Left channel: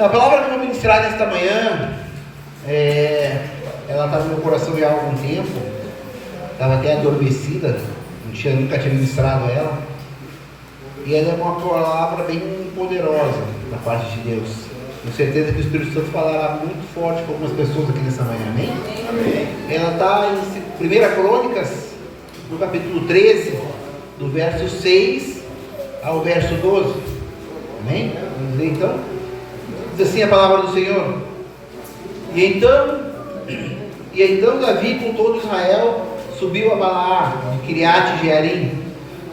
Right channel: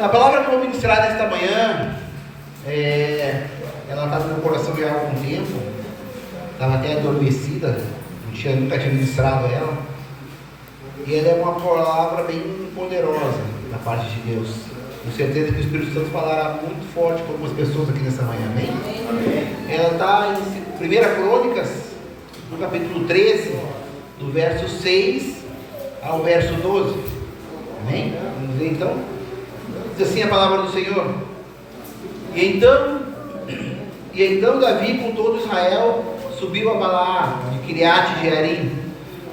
A palavra que eu vou ministrar nesta manhã, ela está no meu coração já há algum tempo, estava até adormecida, nunca tinha ministrado ela, e ela é uma palavra bem poderosa da parte de Deus. Tenho certeza que o Espírito Santo falará muito forte com algumas pessoas aqui nessa manhã, amém? Ela está em 1 Crônicas, no capítulo 13, do verso 6 ao verso 12, amém? Vamos ler então? Diz assim a palavra do Senhor: E então Davi com todo Israel subiu a Balaar de Quiriate-Jearim,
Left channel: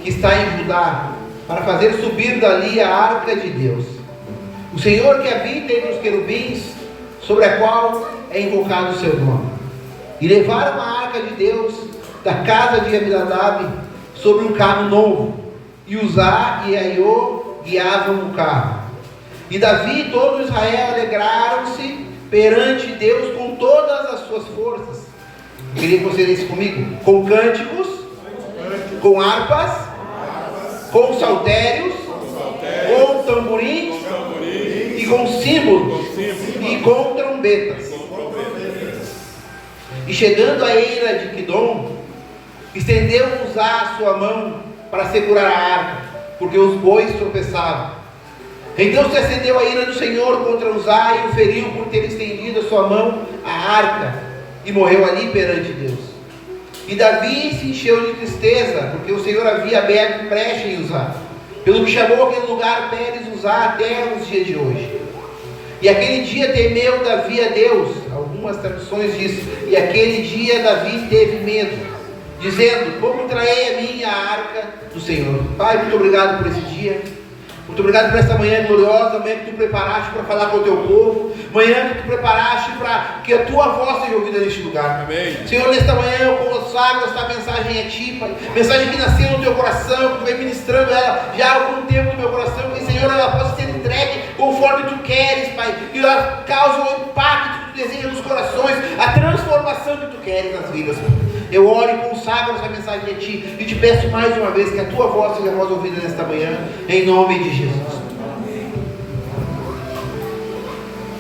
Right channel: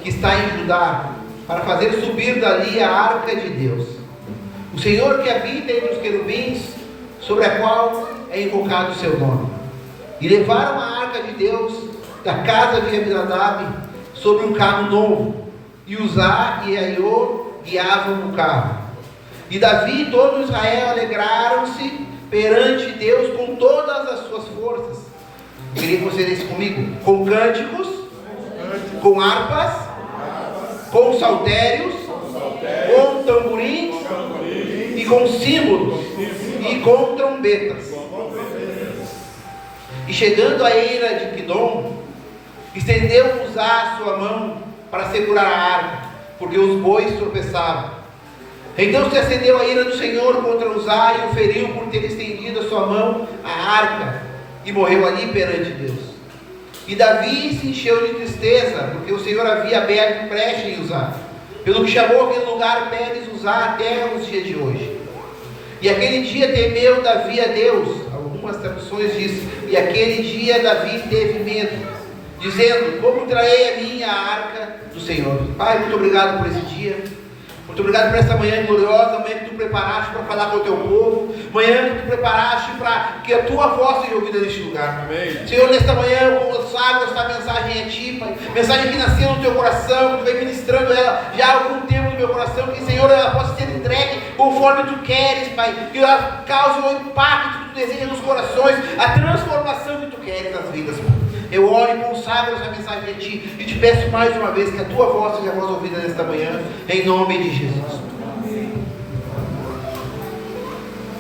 que está em Judá, para fazer subir dali a arca de Deus, o Senhor que habita entre os querubins, sobre a qual é invocado o seu nome. E levaram a arca de Deus da casa de Abinadab sobre um carro novo, e Uzá e Aiô guiavam no carro. E Davi e todo Israel alegraram-se perante Deus com todas as suas forças. Queria que você lesse comigo: com cânticos, com harpas, com saltérios, com tamborins, e com símbolos, e com trombetas. E chegando à eira de Quidom, estendeu Uzá a sua mão para segurar a arca, porque os bois tropeçavam. Então se acendeu a ira do Senhor contra Uzá e o feriu por ter estendido a sua mão à arca, e morreu ali perante Deus. E Davi se encheu de tristeza, porque o Senhor havia aberto brecha em Uzá, pelo que chamou aquele lugar Pérez Uzá até os dias de hoje. E aquele dia temeu Davi a Deus. Algumas traduções dizem: e aquele dia Davi teve medo, dizendo: como trarei a minha arca do Senhor? Pai, muito obrigado por esse dia. Muito obrigado por essa manhã gloriosa, manhã que tu preparaste para falar com o teu povo, manhã que tu preparaste para que a tua voz seja ouvida neste lugar. Amém. Senhor, nesta manhã eu consagro esta mensagem a ti, Pai. Mensagem que nasceu no teu coração, que tu vem ministrando ela já há algum tempo no meu coração, que, Senhor, ela possa ser entregue conforme tu queres, Pai. Que ela cause o impacto que tu deseja nos corações, a transformação que tu queres nas vidas, Pai. Eu oro e consagro essa mensagem a ti e te peço mais uma vez que a tua voz seja a voz ouvida nesta manhã, em nome de Jesus.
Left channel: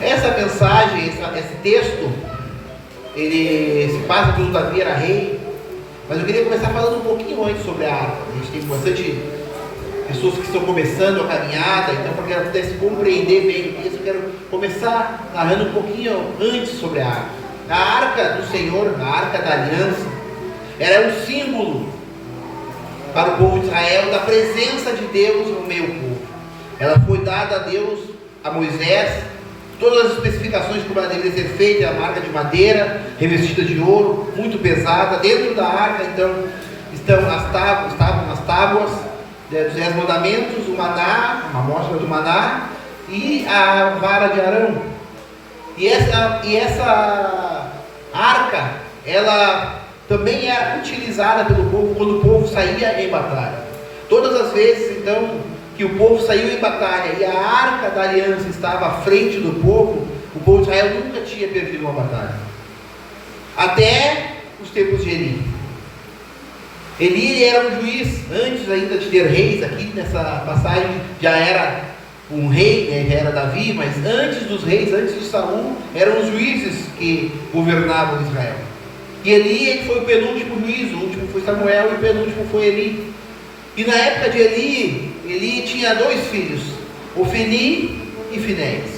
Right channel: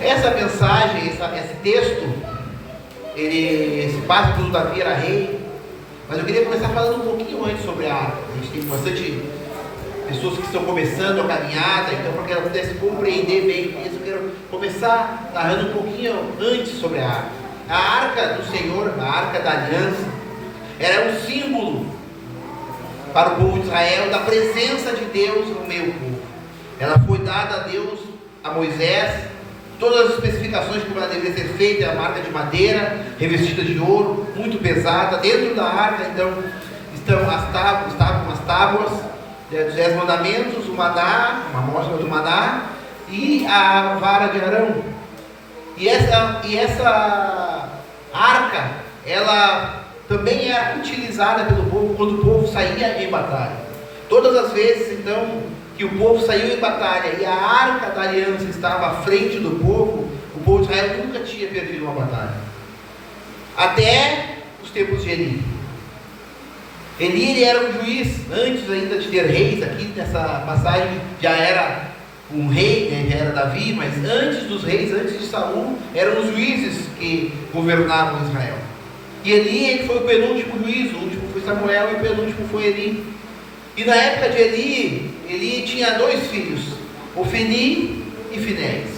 Essa mensagem, esse texto, ele se passa pelo Davi era rei, mas eu queria começar falando um pouquinho antes sobre a arca. A gente tem bastante pessoas que estão começando a caminhada, então para que ela pudesse compreender bem isso, eu quero começar narrando um pouquinho antes sobre a arca. A arca do Senhor, a arca da aliança, era um símbolo para o povo de Israel da presença de Deus no meio do povo. Ela foi dada a Deus, a Moisés, todas as especificações de como ela deveria ser feita: a marca de madeira, revestida de ouro, muito pesada. Dentro da arca, então, estavam as tábuas dos 10 mandamentos, o maná, a amostra do maná e a vara de Arão. E essa arca, ela também era utilizada pelo povo quando o povo saía em batalha. Todas as vezes, então, que o povo saiu em batalha e a arca da aliança estava à frente do povo, o povo de Israel nunca tinha perdido uma batalha. Até os tempos de Eli. Ele era um juiz, antes ainda de ter reis. Aqui nessa passagem já era um rei, já era Davi, mas antes dos reis, antes de Saul, eram os juízes que governavam Israel. E Eli foi o penúltimo juiz, o último foi Samuel e o penúltimo foi Eli. E na época de Eli tinha 2 filhos, Ofni e Finéias.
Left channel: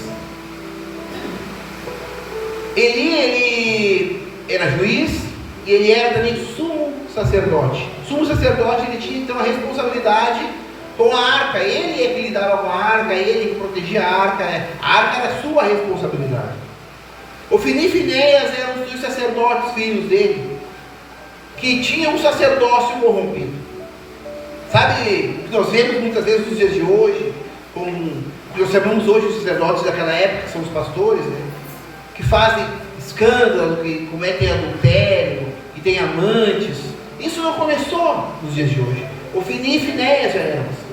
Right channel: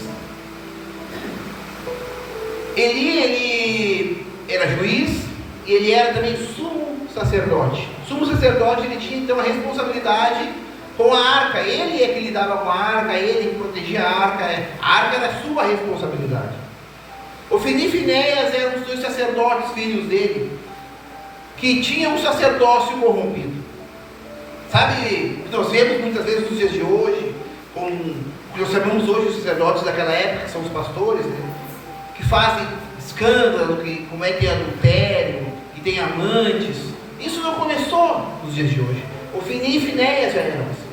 Eli era juiz e ele era também sumo sacerdote. O sumo sacerdote, ele tinha então a responsabilidade com a arca. Ele é que lidava com a arca, ele que protegia a arca era a sua responsabilidade. Ofni e Finéias eram os 2 sacerdotes, filhos dele, que tinham um sacerdócio corrompido. Sabe, nós vemos muitas vezes nos dias de hoje, nós chamamos hoje os sacerdotes daquela época, que são os pastores, né, que fazem escândalo, que cometem adultério, que têm amantes. Isso não começou nos dias de hoje. Ofni e Finéias já eram assim.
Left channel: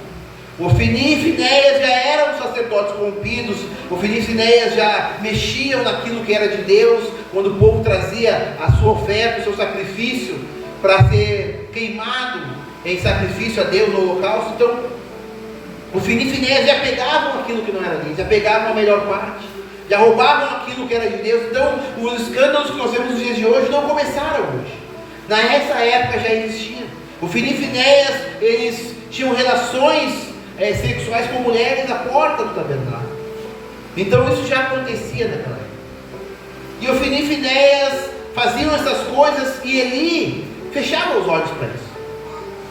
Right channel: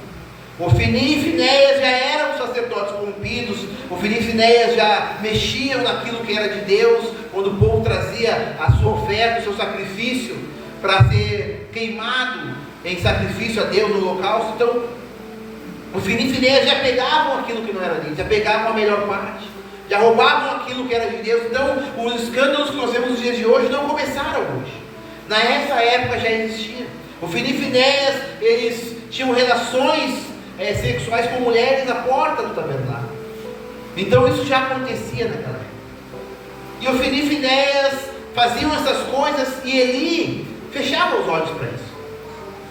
Ofni e Finéias já eram sacerdotes corrompidos. Ofni e Finéias já mexiam naquilo que era de Deus, quando o povo trazia a sua oferta, o seu sacrifício, para ser queimado em sacrifício a Deus no holocausto. Então, Ofni e Finéias já pegavam aquilo que não era deles, já pegavam a melhor parte, já roubavam aquilo que era de Deus. Então, os escândalos que nós vemos nos dias de hoje não começaram hoje. Nessa época já existia. Ofni e Finéias, eles tinham relações sexuais com mulheres na porta do tabernáculo. Então, isso já acontecia naquela época. E Ofni e Finéias faziam essas coisas e Eli fechava os olhos para isso.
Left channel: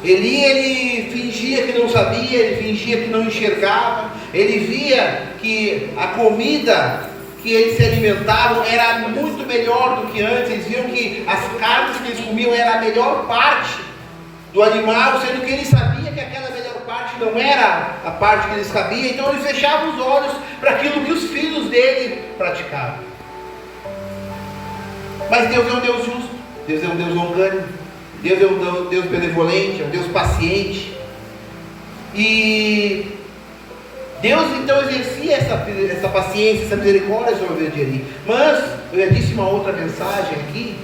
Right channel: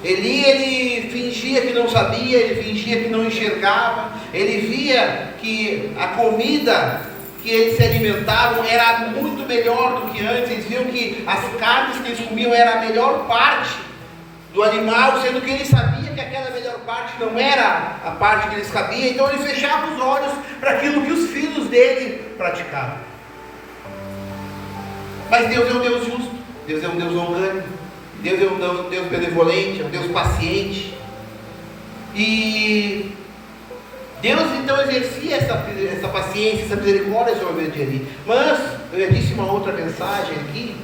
Ele fingia que não sabia, ele fingia que não enxergava, ele via que a comida que eles se alimentavam era muito melhor do que antes. Eles viam que as carnes que eles comiam era a melhor parte do animal, sendo que ele sabia que aquela melhor parte não era a parte que eles cabia. Então ele fechava os olhos para aquilo que os filhos dele praticavam. Mas Deus é um Deus justo, Deus é um Deus longânimo, Deus é um Deus benevolente, é um Deus paciente. E Deus então exercia essa paciência, essa misericórdia sobre a vida de Eli. Mas, eu já disse uma outra mensagem aqui,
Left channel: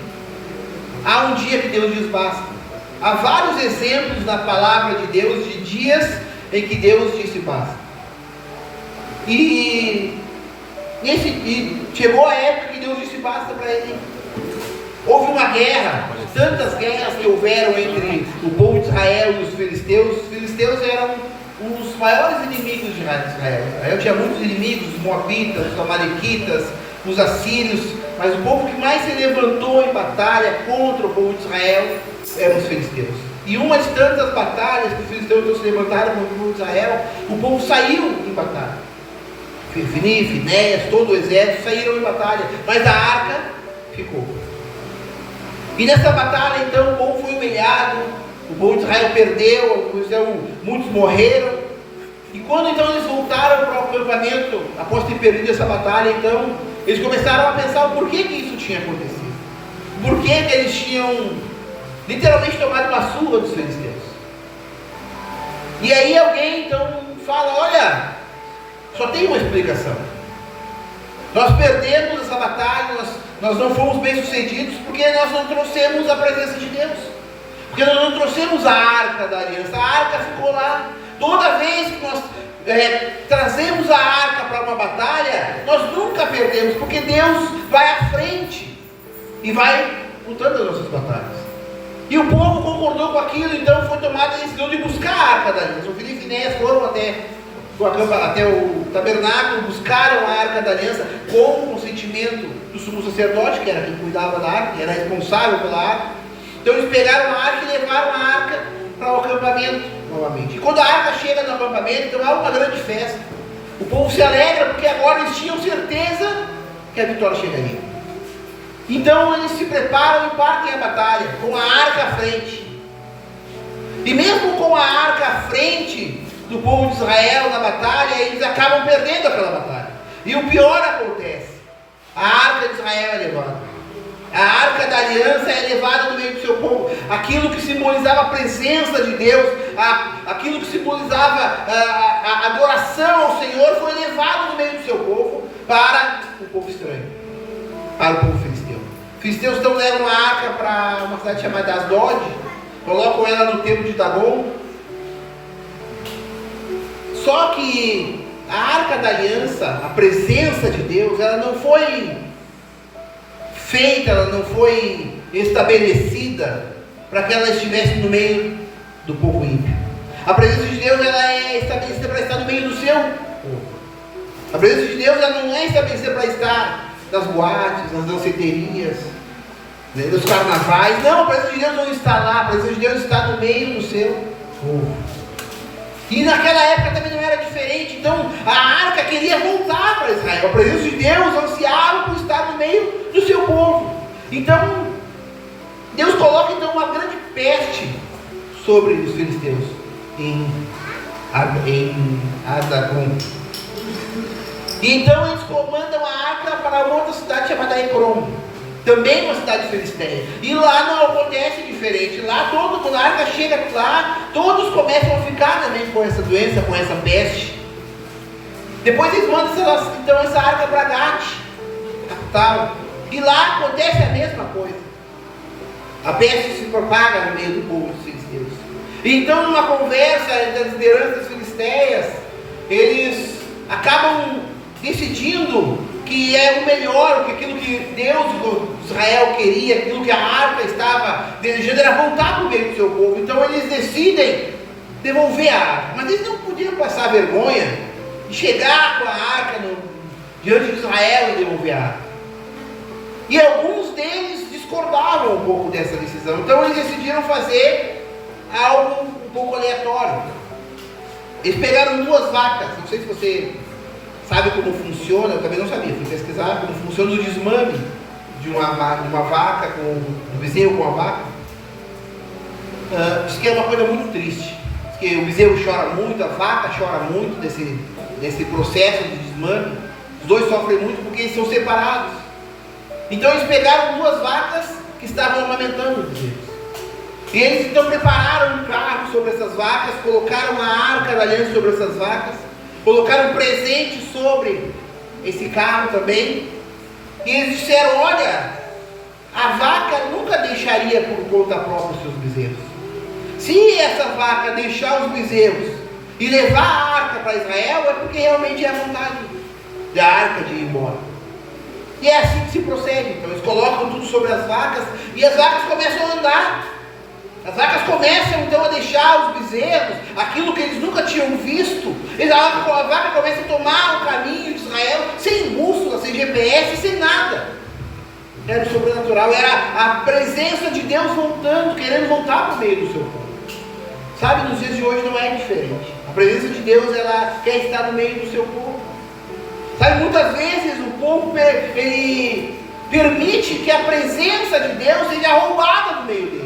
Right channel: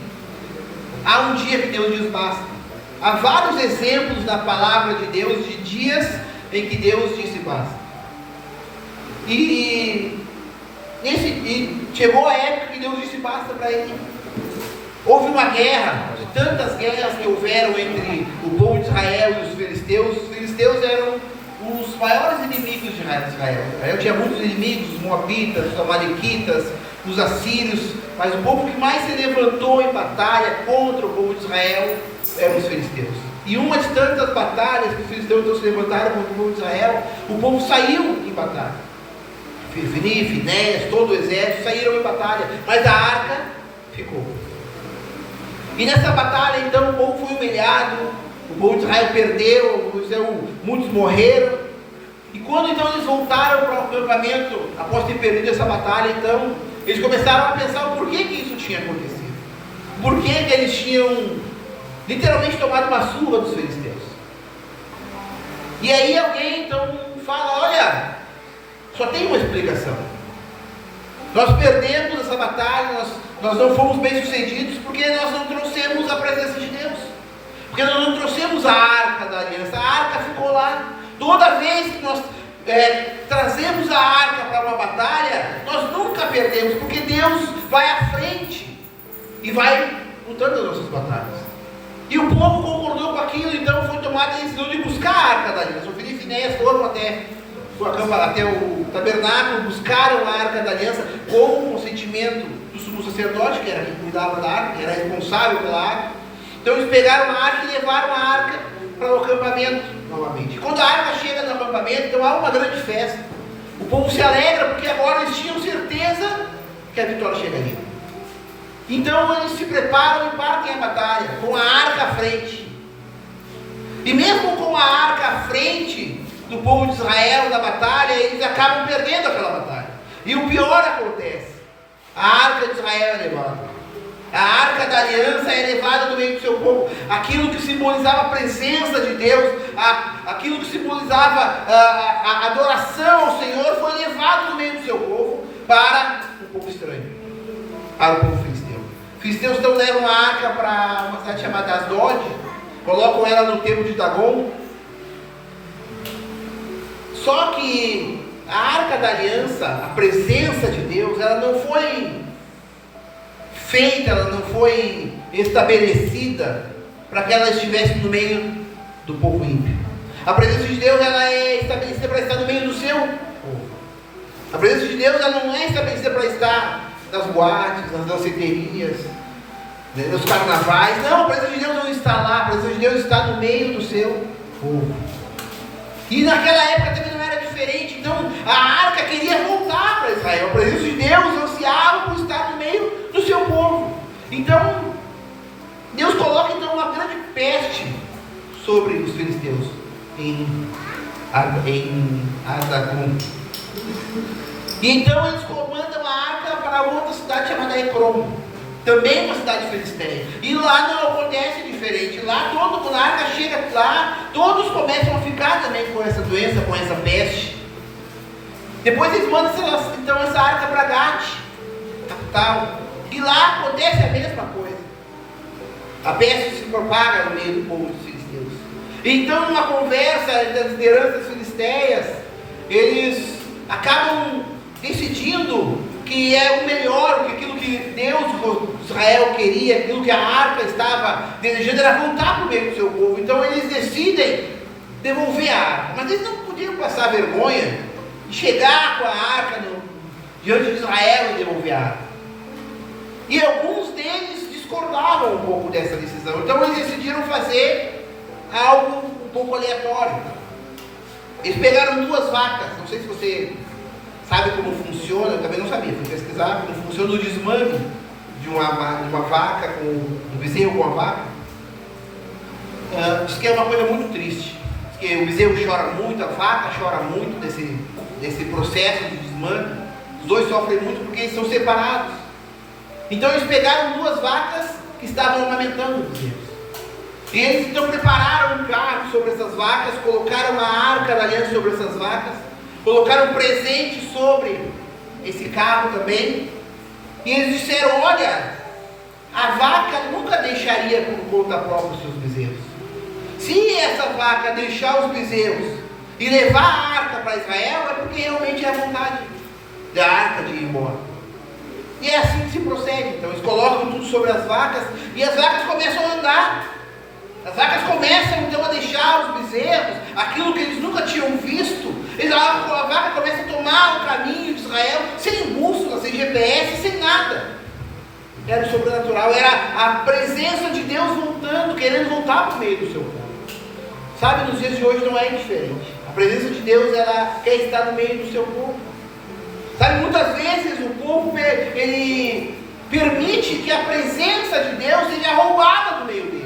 há um dia que Deus diz basta. Há vários exemplos na palavra de Deus de dias em que Deus disse basta. E chegou a época que Deus disse basta para ele. Houve uma guerra, tantas guerras que houveram entre o povo de Israel e os filisteus. Os filisteus eram os maiores inimigos de Israel. Israel tinha muitos inimigos, os moabitas, os amalequitas, os assírios, mas o povo que mais se levantou em batalha contra o povo de Israel eram os filisteus. E uma de tantas batalhas que os filisteus não se levantaram contra o povo de Israel, o povo saiu em batalha. Ofni, Finéias, todo o exército saíram em batalha, mas a arca ficou. E nessa batalha, então, o povo foi humilhado, o povo de Israel perdeu, muitos morreram. E quando então eles voltaram para o acampamento, após ter perdido essa batalha, então, eles começaram a pensar o porquê que isso tinha acontecido. Por que eles tinham literalmente tomado uma surra dos filisteus. E aí alguém então fala, olha, só tem uma explicação. Nós perdemos essa batalha, nós não fomos bem sucedidos porque nós não trouxemos a presença de Deus, porque nós não trouxemos a arca da aliança. A arca ficou lá. Toda vez que nós trazemos a arca para uma batalha, nós nunca perdemos, porque Deus vai à frente e vai lutando as nossas batalhas. E o povo concordou com aquilo, então foi tomada a decisão de buscar a arca da aliança. Ofni e Finéias foram até o tabernáculo, buscaram a arca da aliança com o consentimento do sumo sacerdote, que era quem cuidava da arca, que era responsável pela arca. Então eles pegaram a arca e levaram a arca para o acampamento novamente. E quando a arca chega no acampamento, então há uma grande festa. O povo se alegra porque agora eles tinham certeza que a vitória chegaria. Então eles se preparam e partem a batalha com a arca à frente. E mesmo com a arca à frente do povo de Israel na batalha, eles acabam perdendo aquela batalha. E o pior acontece: a arca de Israel é levada, a arca da aliança é levada no meio do seu povo. Aquilo que simbolizava a presença de Deus, aquilo que simbolizava a adoração ao Senhor, foi levado no meio do seu povo para o povo estranho, para o povo filisteu. Os filisteus então levam a arca para uma cidade chamada Asdod, colocam ela no templo de Dagon. Só que a arca da aliança, a presença de Deus, ela não foi feita, ela não foi estabelecida para que ela estivesse no meio do povo ímpio. A presença de Deus, ela é estabelecida para estar no meio do seu povo. A presença de Deus, ela não é estabelecida para estar nas boates, nas danceterias, nos carnavais. Não, a presença de Deus não está lá. A presença de Deus está no meio do seu povo. E naquela época também não era diferente. Então a arca queria voltar para Israel. A presença de Deus ansiava por estar no meio do seu povo. Então Deus coloca então uma grande peste sobre os filisteus em Adagon. E então eles comandam a arca para outra cidade chamada Ecrom, também uma cidade filisteia. E lá não acontece diferente. Lá a arca chega lá, todos começam a ficar também com essa doença, com essa peste. Depois eles mandam então essa arca para Gate, capital. E lá acontece a mesma coisa. A peste se propaga no meio do povo dos filisteus. Então, numa conversa das lideranças filisteias, eles acabam decidindo que é o melhor, que aquilo que Deus, Israel queria, aquilo que a arca estava desejando era voltar para o meio do seu povo. Então eles decidem devolver a arca, mas eles não podiam passar vergonha de chegar com a arca diante de Israel e devolver a arca. E alguns deles discordavam um pouco dessa decisão, então eles decidiram fazer algo um pouco aleatório. Eles pegaram 2 vacas, não sei se você sabe como funciona, eu também não sabia, fui pesquisar como funciona o desmame de uma vaca, com o bezerro com a vaca. Isso que é uma coisa muito triste, porque o bezerro chora muito, a vaca chora muito desse processo de desmame, os dois sofrem muito porque eles são separados. Então eles pegaram 2 vacas que estavam amamentando os bezerros. E eles então prepararam um carro sobre essas vacas, colocaram a arca da aliança sobre essas vacas, colocaram um presente sobre esse carro também, e eles disseram: olha, a vaca nunca deixaria por conta própria os seus bezerros. Se essa vaca deixar os bezerros e levar a arca para Israel, é porque realmente é a vontade da arca de ir embora. E é assim que se procede. Então eles colocam tudo sobre as vacas, e as vacas começam a andar. As vacas começam então a deixar os bezerros, aquilo que eles nunca tinham visto. A vaca começa a tomar o caminho de Israel, sem bússola, sem GPS, sem nada. Era o sobrenatural, era a presença de Deus voltando, querendo voltar para o meio do seu povo. Sabe, nos dias de hoje não é diferente. A presença de Deus, ela quer estar no meio do seu povo. Sabe, muitas vezes o povo, ele permite que a presença de Deus seja roubada do meio dele.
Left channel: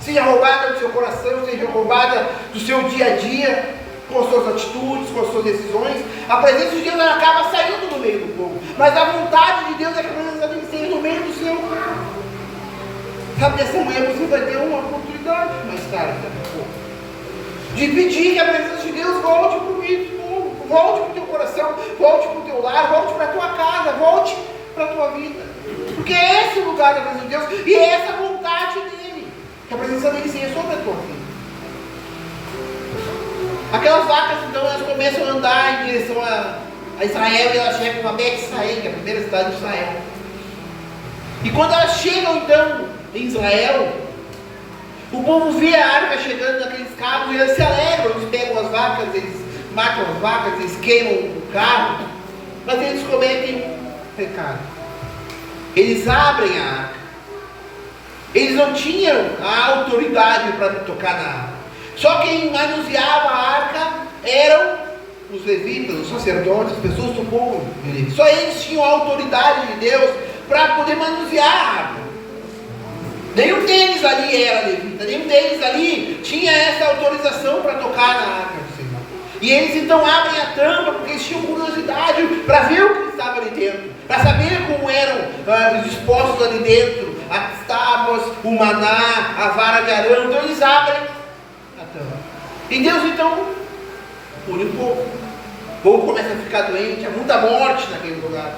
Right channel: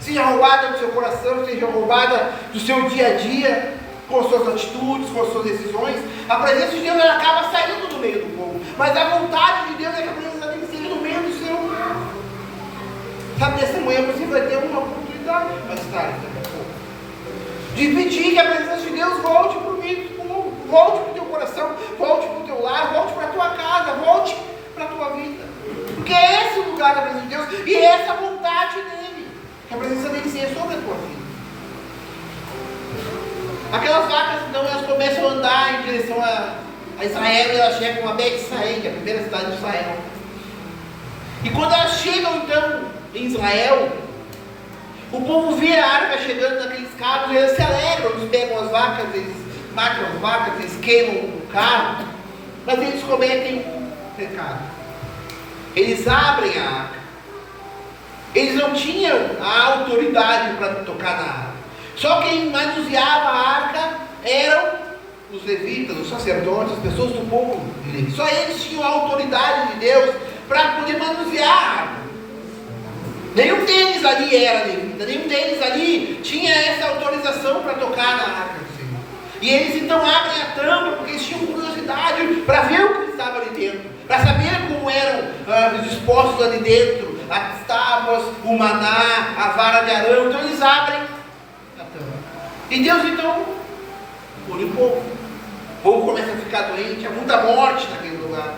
Seja roubada do seu coração, seja roubada do seu dia a dia, com suas atitudes, com suas decisões. A presença de Deus, ela acaba saindo do meio do povo. Mas a vontade de Deus é que a presença dele seja no meio do seu povo. Sabe, nessa manhã você vai ter uma oportunidade mais tarde, de pedir que a presença de Deus volte para o meio do povo, volte para o teu coração, volte para o teu lar, volte para a tua casa, volte para a tua vida. Porque é esse o lugar da presença de Deus e é essa a vontade dele. Que a presença dele seja sobre a tua vida. Aquelas vacas, então, elas começam a andar em direção a Israel, e elas chegam a Bet-Saí, que é a primeira cidade de Israel. E quando elas chegam, então, em Israel, o povo vê a arca chegando naqueles carros, e eles se alegram, eles pegam as vacas, eles matam as vacas, eles queimam o carro, mas eles cometem um pecado. Eles abrem a arca. Eles não tinham a autoridade para tocar na arca. Só quem manuseava a arca eram os levitas, os sacerdotes, as pessoas do povo de Deus. Só eles tinham a autoridade de Deus para poder manusear a arca. Nenhum deles ali era levita, nenhum deles ali tinha essa autorização para tocar na arca do Senhor. E eles então abrem a tampa, porque eles tinham curiosidade para ver o que estava ali dentro, para saber como eram dispostos ali dentro, as tábuas, o maná, a vara de Arão. Então eles abrem a tampa. E Deus então pune o povo. O povo começa a ficar doente, há muita morte naquele lugar.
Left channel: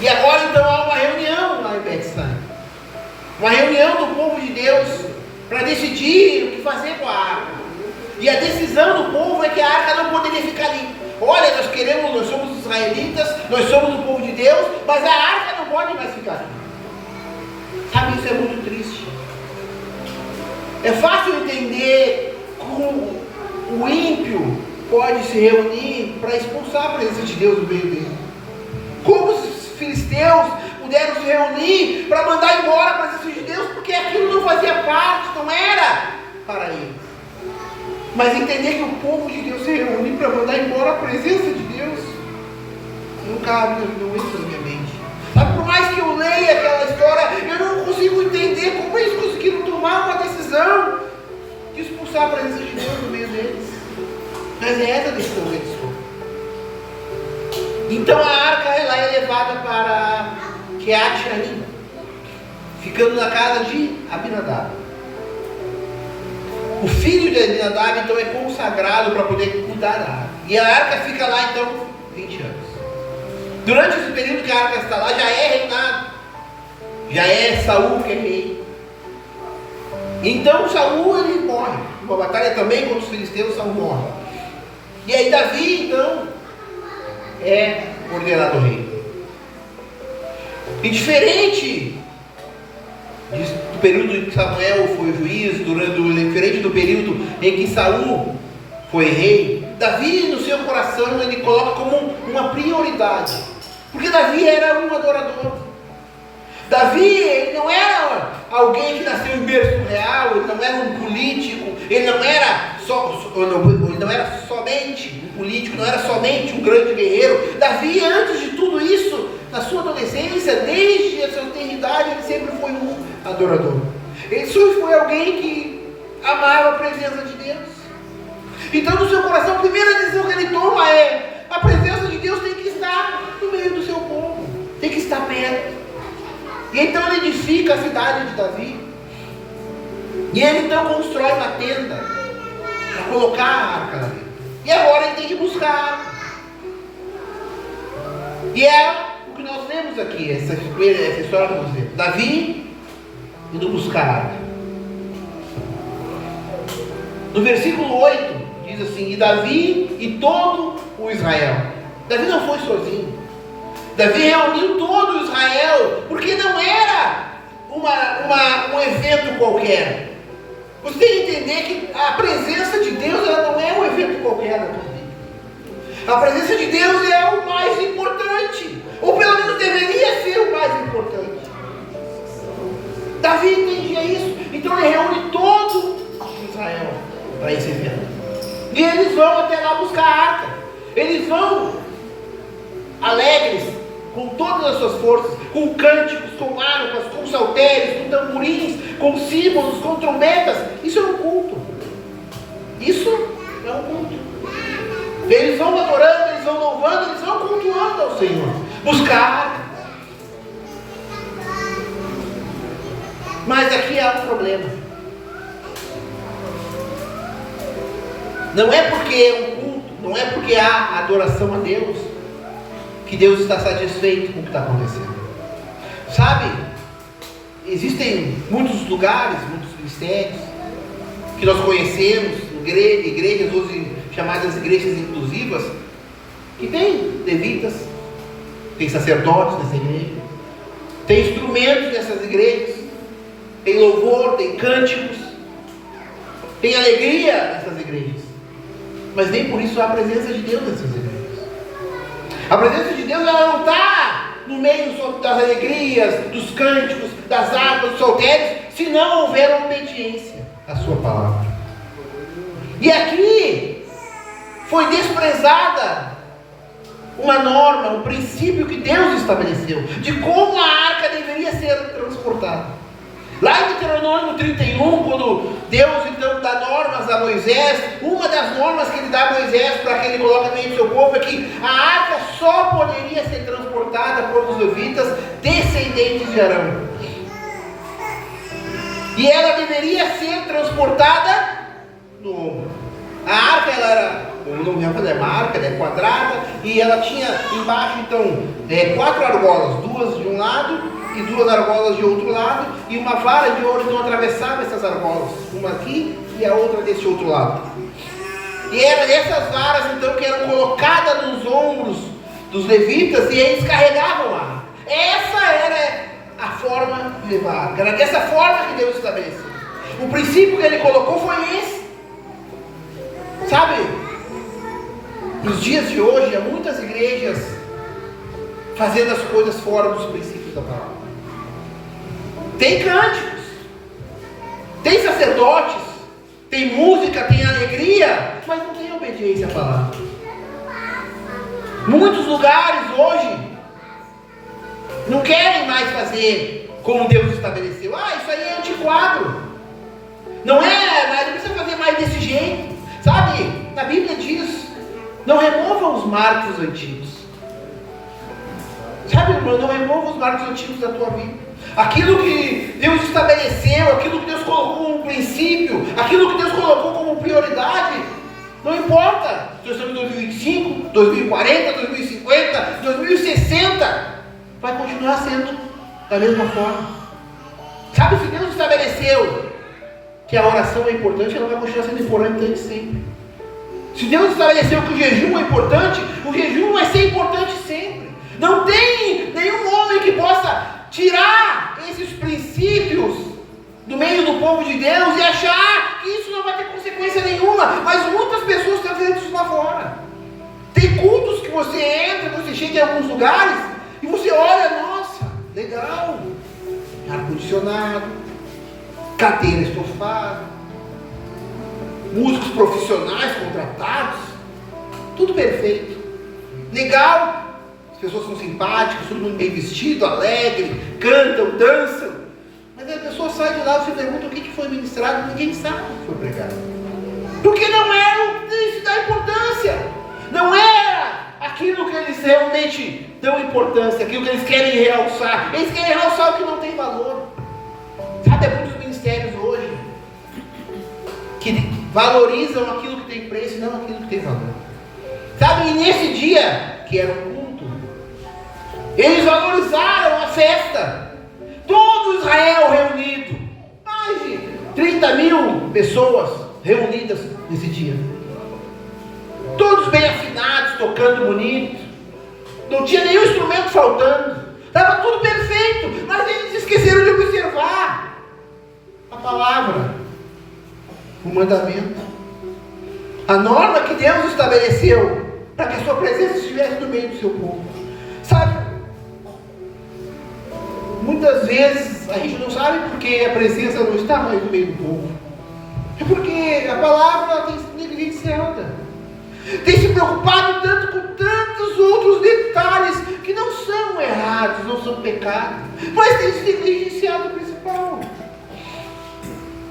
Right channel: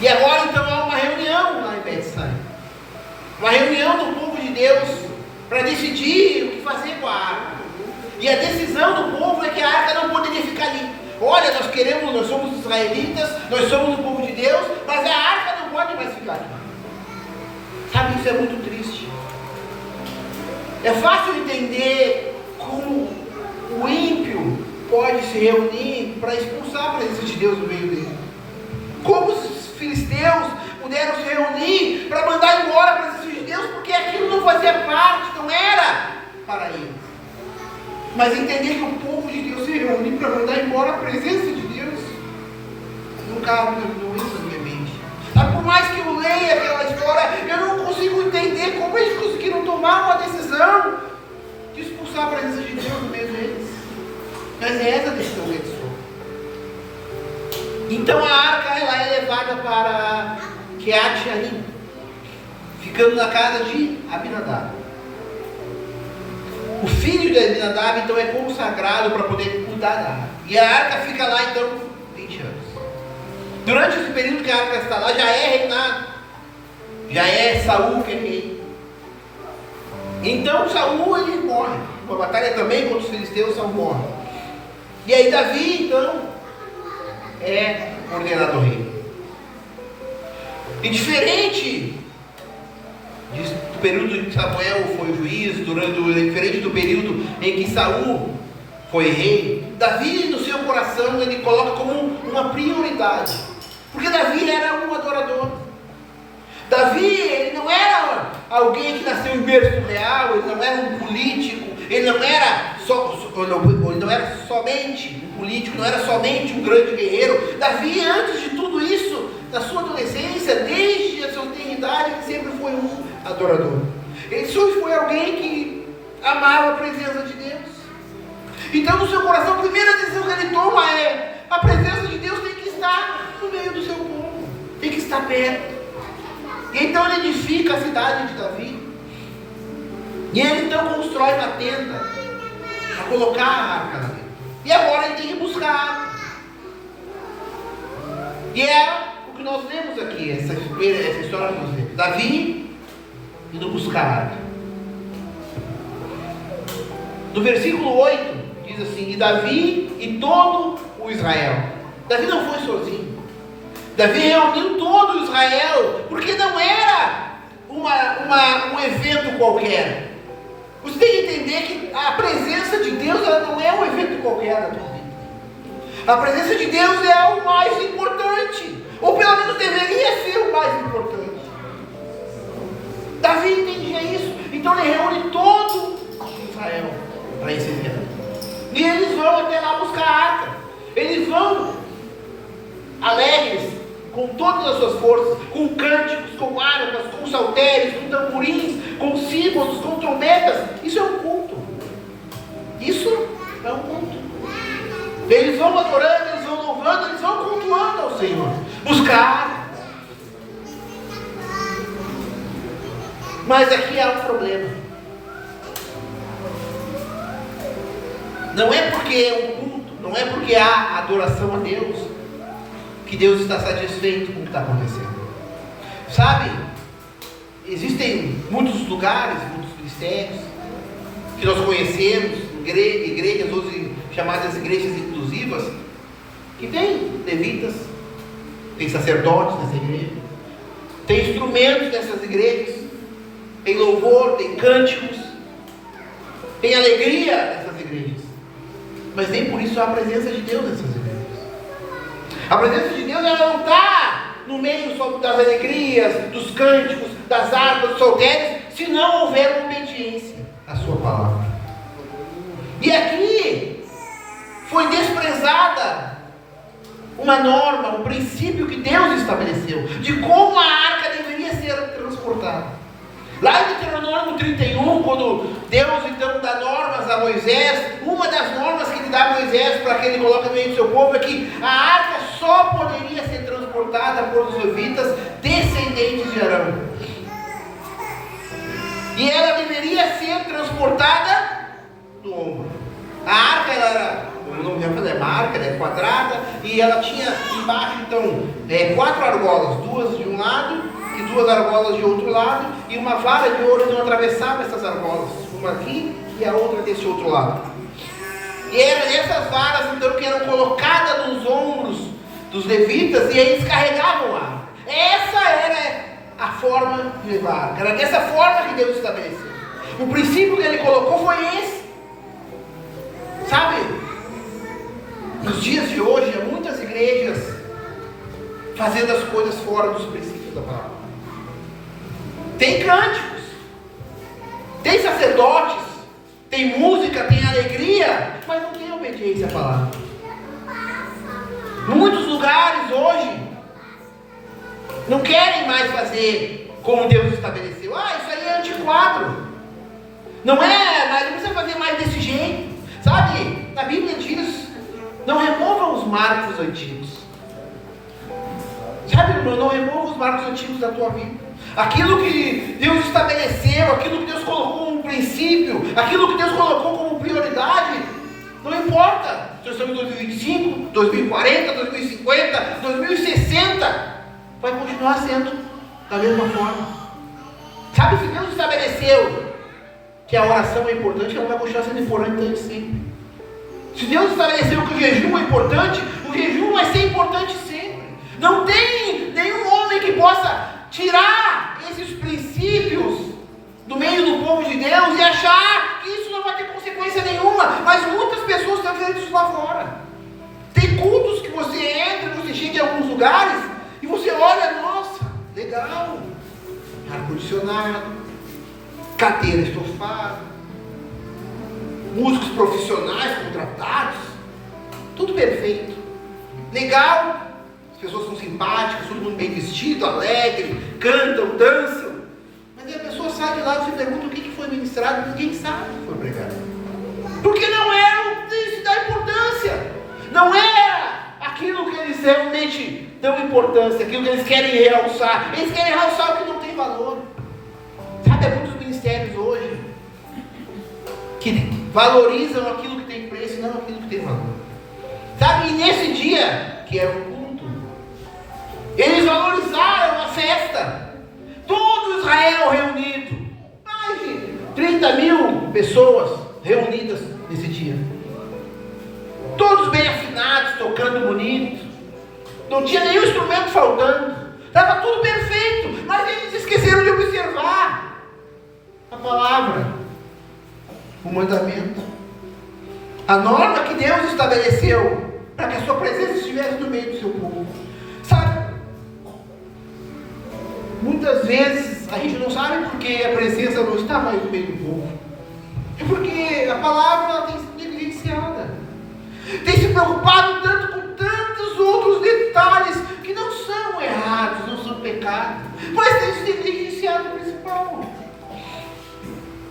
E agora então há uma reunião lá em Bet-Saí. Uma reunião do povo de Deus para decidir o que fazer com a arca. E a decisão do povo é que a arca não poderia ficar ali. Olha, nós somos israelitas, nós somos o povo de Deus, mas a arca não pode mais ficar ali. Sabe, isso é muito triste. É fácil entender como o ímpio pode se reunir para expulsar a presença de Deus do meio dele. Como os filisteus puderam se reunir para mandar embora a presença de Deus, porque aquilo não fazia parte, não era para eles. Mas entender que o povo de Deus se reúne para mandar embora a presença de Deus, nunca não entra na minha mente. Por mais que eu leia aquela história, eu não consigo entender como eles conseguiram tomar uma decisão de expulsar a presença de Deus no meio deles. Mas é essa a decisão que eles foram. Então a arca ela é levada para Quiat-Jearim, ficando na casa de Abinadab. O filho de Abinadab então é consagrado para poder cuidar da arca. E a arca fica lá então 20 anos. Durante esse período que a arca está lá, já é reinado. Já é Saul que é rei. Então Saul ele morre. Uma batalha também contra os filisteus, Saul morre. E aí Davi, então, é ordenado rei. E diferente do período em que Samuel foi juiz, diferente do período em que Saul foi rei, Davi, no seu coração, ele coloca como uma prioridade. Porque Davi era um adorador. Davi, ele não era alguém que nasceu em berço real, ele não era um político, ele não era somente um político, não era somente um grande guerreiro. Davi, antes de tudo isso, na sua adolescência, desde a sua eternidade, ele sempre foi um adorador. Ele sempre foi alguém que amava a presença de Deus. Então, no seu coração, a primeira decisão que ele toma é: a presença de Deus tem que estar no meio do seu povo, tem que estar perto. E então ele edifica a cidade de Davi. E ele então constrói uma tenda para colocar a arca ali. E agora ele tem que buscar a arca. E é o que nós vemos aqui, essa história que nós vemos. Davi indo buscar a arca. No versículo 8 diz assim: e Davi e todo o Israel. Davi não foi sozinho. Davi reuniu todo o Israel, porque não era um evento qualquer. Você tem que entender que a presença de Deus, ela não é um evento qualquer na tua vida. A presença de Deus é o mais importante, ou pelo menos deveria ser o mais importante. Davi entendia isso, então ele reúne todo Israel para esse evento. E eles vão até lá buscar a arca. Eles vão alegres, com todas as suas forças, com cânticos, com harpas, com saltérios, com tamborins, com símbolos, com trombetas. Isso é um culto. Isso é um culto. Eles vão adorando, eles vão louvando, eles vão cultuando ao Senhor. Buscar. Mas aqui há um problema. Não é porque é um culto, não é porque há adoração a Deus, que Deus está satisfeito com o que está acontecendo. Sabe, existem muitos lugares, muitos mistérios que nós conhecemos, igrejas hoje chamadas igrejas inclusivas, que tem levitas, tem sacerdotes nessa igreja, tem instrumentos nessas igrejas, tem louvor, tem cânticos, tem alegria nessas igrejas, mas nem por isso há a presença de Deus nessas igrejas. A presença de Deus, ela não está no meio só das alegrias, dos cânticos, das harpas, dos saltérios, se não houver obediência à sua palavra. E aqui foi desprezada uma norma, um princípio que Deus estabeleceu, de como a arca deveria ser transportada. Lá em Deuteronômio 31, quando Deus então dá normas a Moisés, uma das normas que ele dá a Moisés para que ele coloque no meio do seu povo é que a arca só poderia ser transportada por os levitas descendentes de Arão. E ela deveria ser transportada no ombro. A arca, ela era, uma arca, ela é quadrada, e ela tinha embaixo então 4 argolas, 2 de um lado e 2 argolas de outro lado, e uma vara de ouro não atravessava essas argolas, uma aqui e a outra desse outro lado. E eram essas varas então que eram colocadas nos ombros dos levitas, e eles carregavam a arca. Essa era a forma de levar a arca, era dessa forma que Deus estabeleceu. O princípio que ele colocou foi esse. Sabe, nos dias de hoje há muitas igrejas fazendo as coisas fora dos princípios da palavra. Tem cânticos, tem sacerdotes, tem música, tem alegria, mas não tem obediência à palavra. Muitos lugares hoje não querem mais fazer como Deus estabeleceu. Isso aí é antiquado. Não precisa fazer mais desse jeito. Sabe, a Bíblia diz: não remova os marcos antigos. Sabe, irmão, não remova os marcos antigos da tua vida. Aquilo que Deus estabeleceu, aquilo que Deus colocou como princípio, aquilo que Deus colocou como prioridade, não importa se estamos em 2025, 2040, 2050, 2060, vai continuar sendo da mesma forma. Sabe, se Deus estabeleceu que a oração é importante, ela vai continuar sendo importante sempre. Se Deus estabeleceu que o jejum é importante, o jejum vai ser importante sempre. Não tem nenhum homem que possa tirar esses princípios do meio do povo de Deus e achar que isso não vai ter consequência nenhuma. Mas muitas pessoas estão fazendo isso lá fora. Tem cultos que você entra, você chega em alguns lugares e você olha, nossa, legal, ar-condicionado, cadeira estofada, músicos profissionais contratados, tudo perfeito, legal, as pessoas são simpáticas, todo mundo bem vestido, alegre, cantam, dançam, mas a pessoa sai de lá e se pergunta o que foi ministrado, ninguém sabe o que foi pregado, porque não era isso da importância, não era aquilo que eles realmente dão importância, aquilo que eles querem realçar o que não tem valor. Sabe, há muitos ministérios hoje que valorizam aquilo que tem preço e não aquilo que tem valor. Sabe, e nesse dia, que era um culto, eles valorizaram a festa. Todo Israel reunido. Mais de 30 mil pessoas reunidas nesse dia. Todos bem afinados, tocando bonito. Não tinha nenhum instrumento faltando. Estava tudo perfeito. Mas eles esqueceram de observar a palavra, o mandamento, a norma que Deus estabeleceu para que a sua presença estivesse no meio do seu povo. Sabe, muitas vezes a gente não sabe porque a presença não está mais no meio do povo. É porque a palavra tem sido negligenciada, tem se preocupado tanto com tantos outros detalhes que não são errados, não são pecados, mas tem se negligenciado o principal,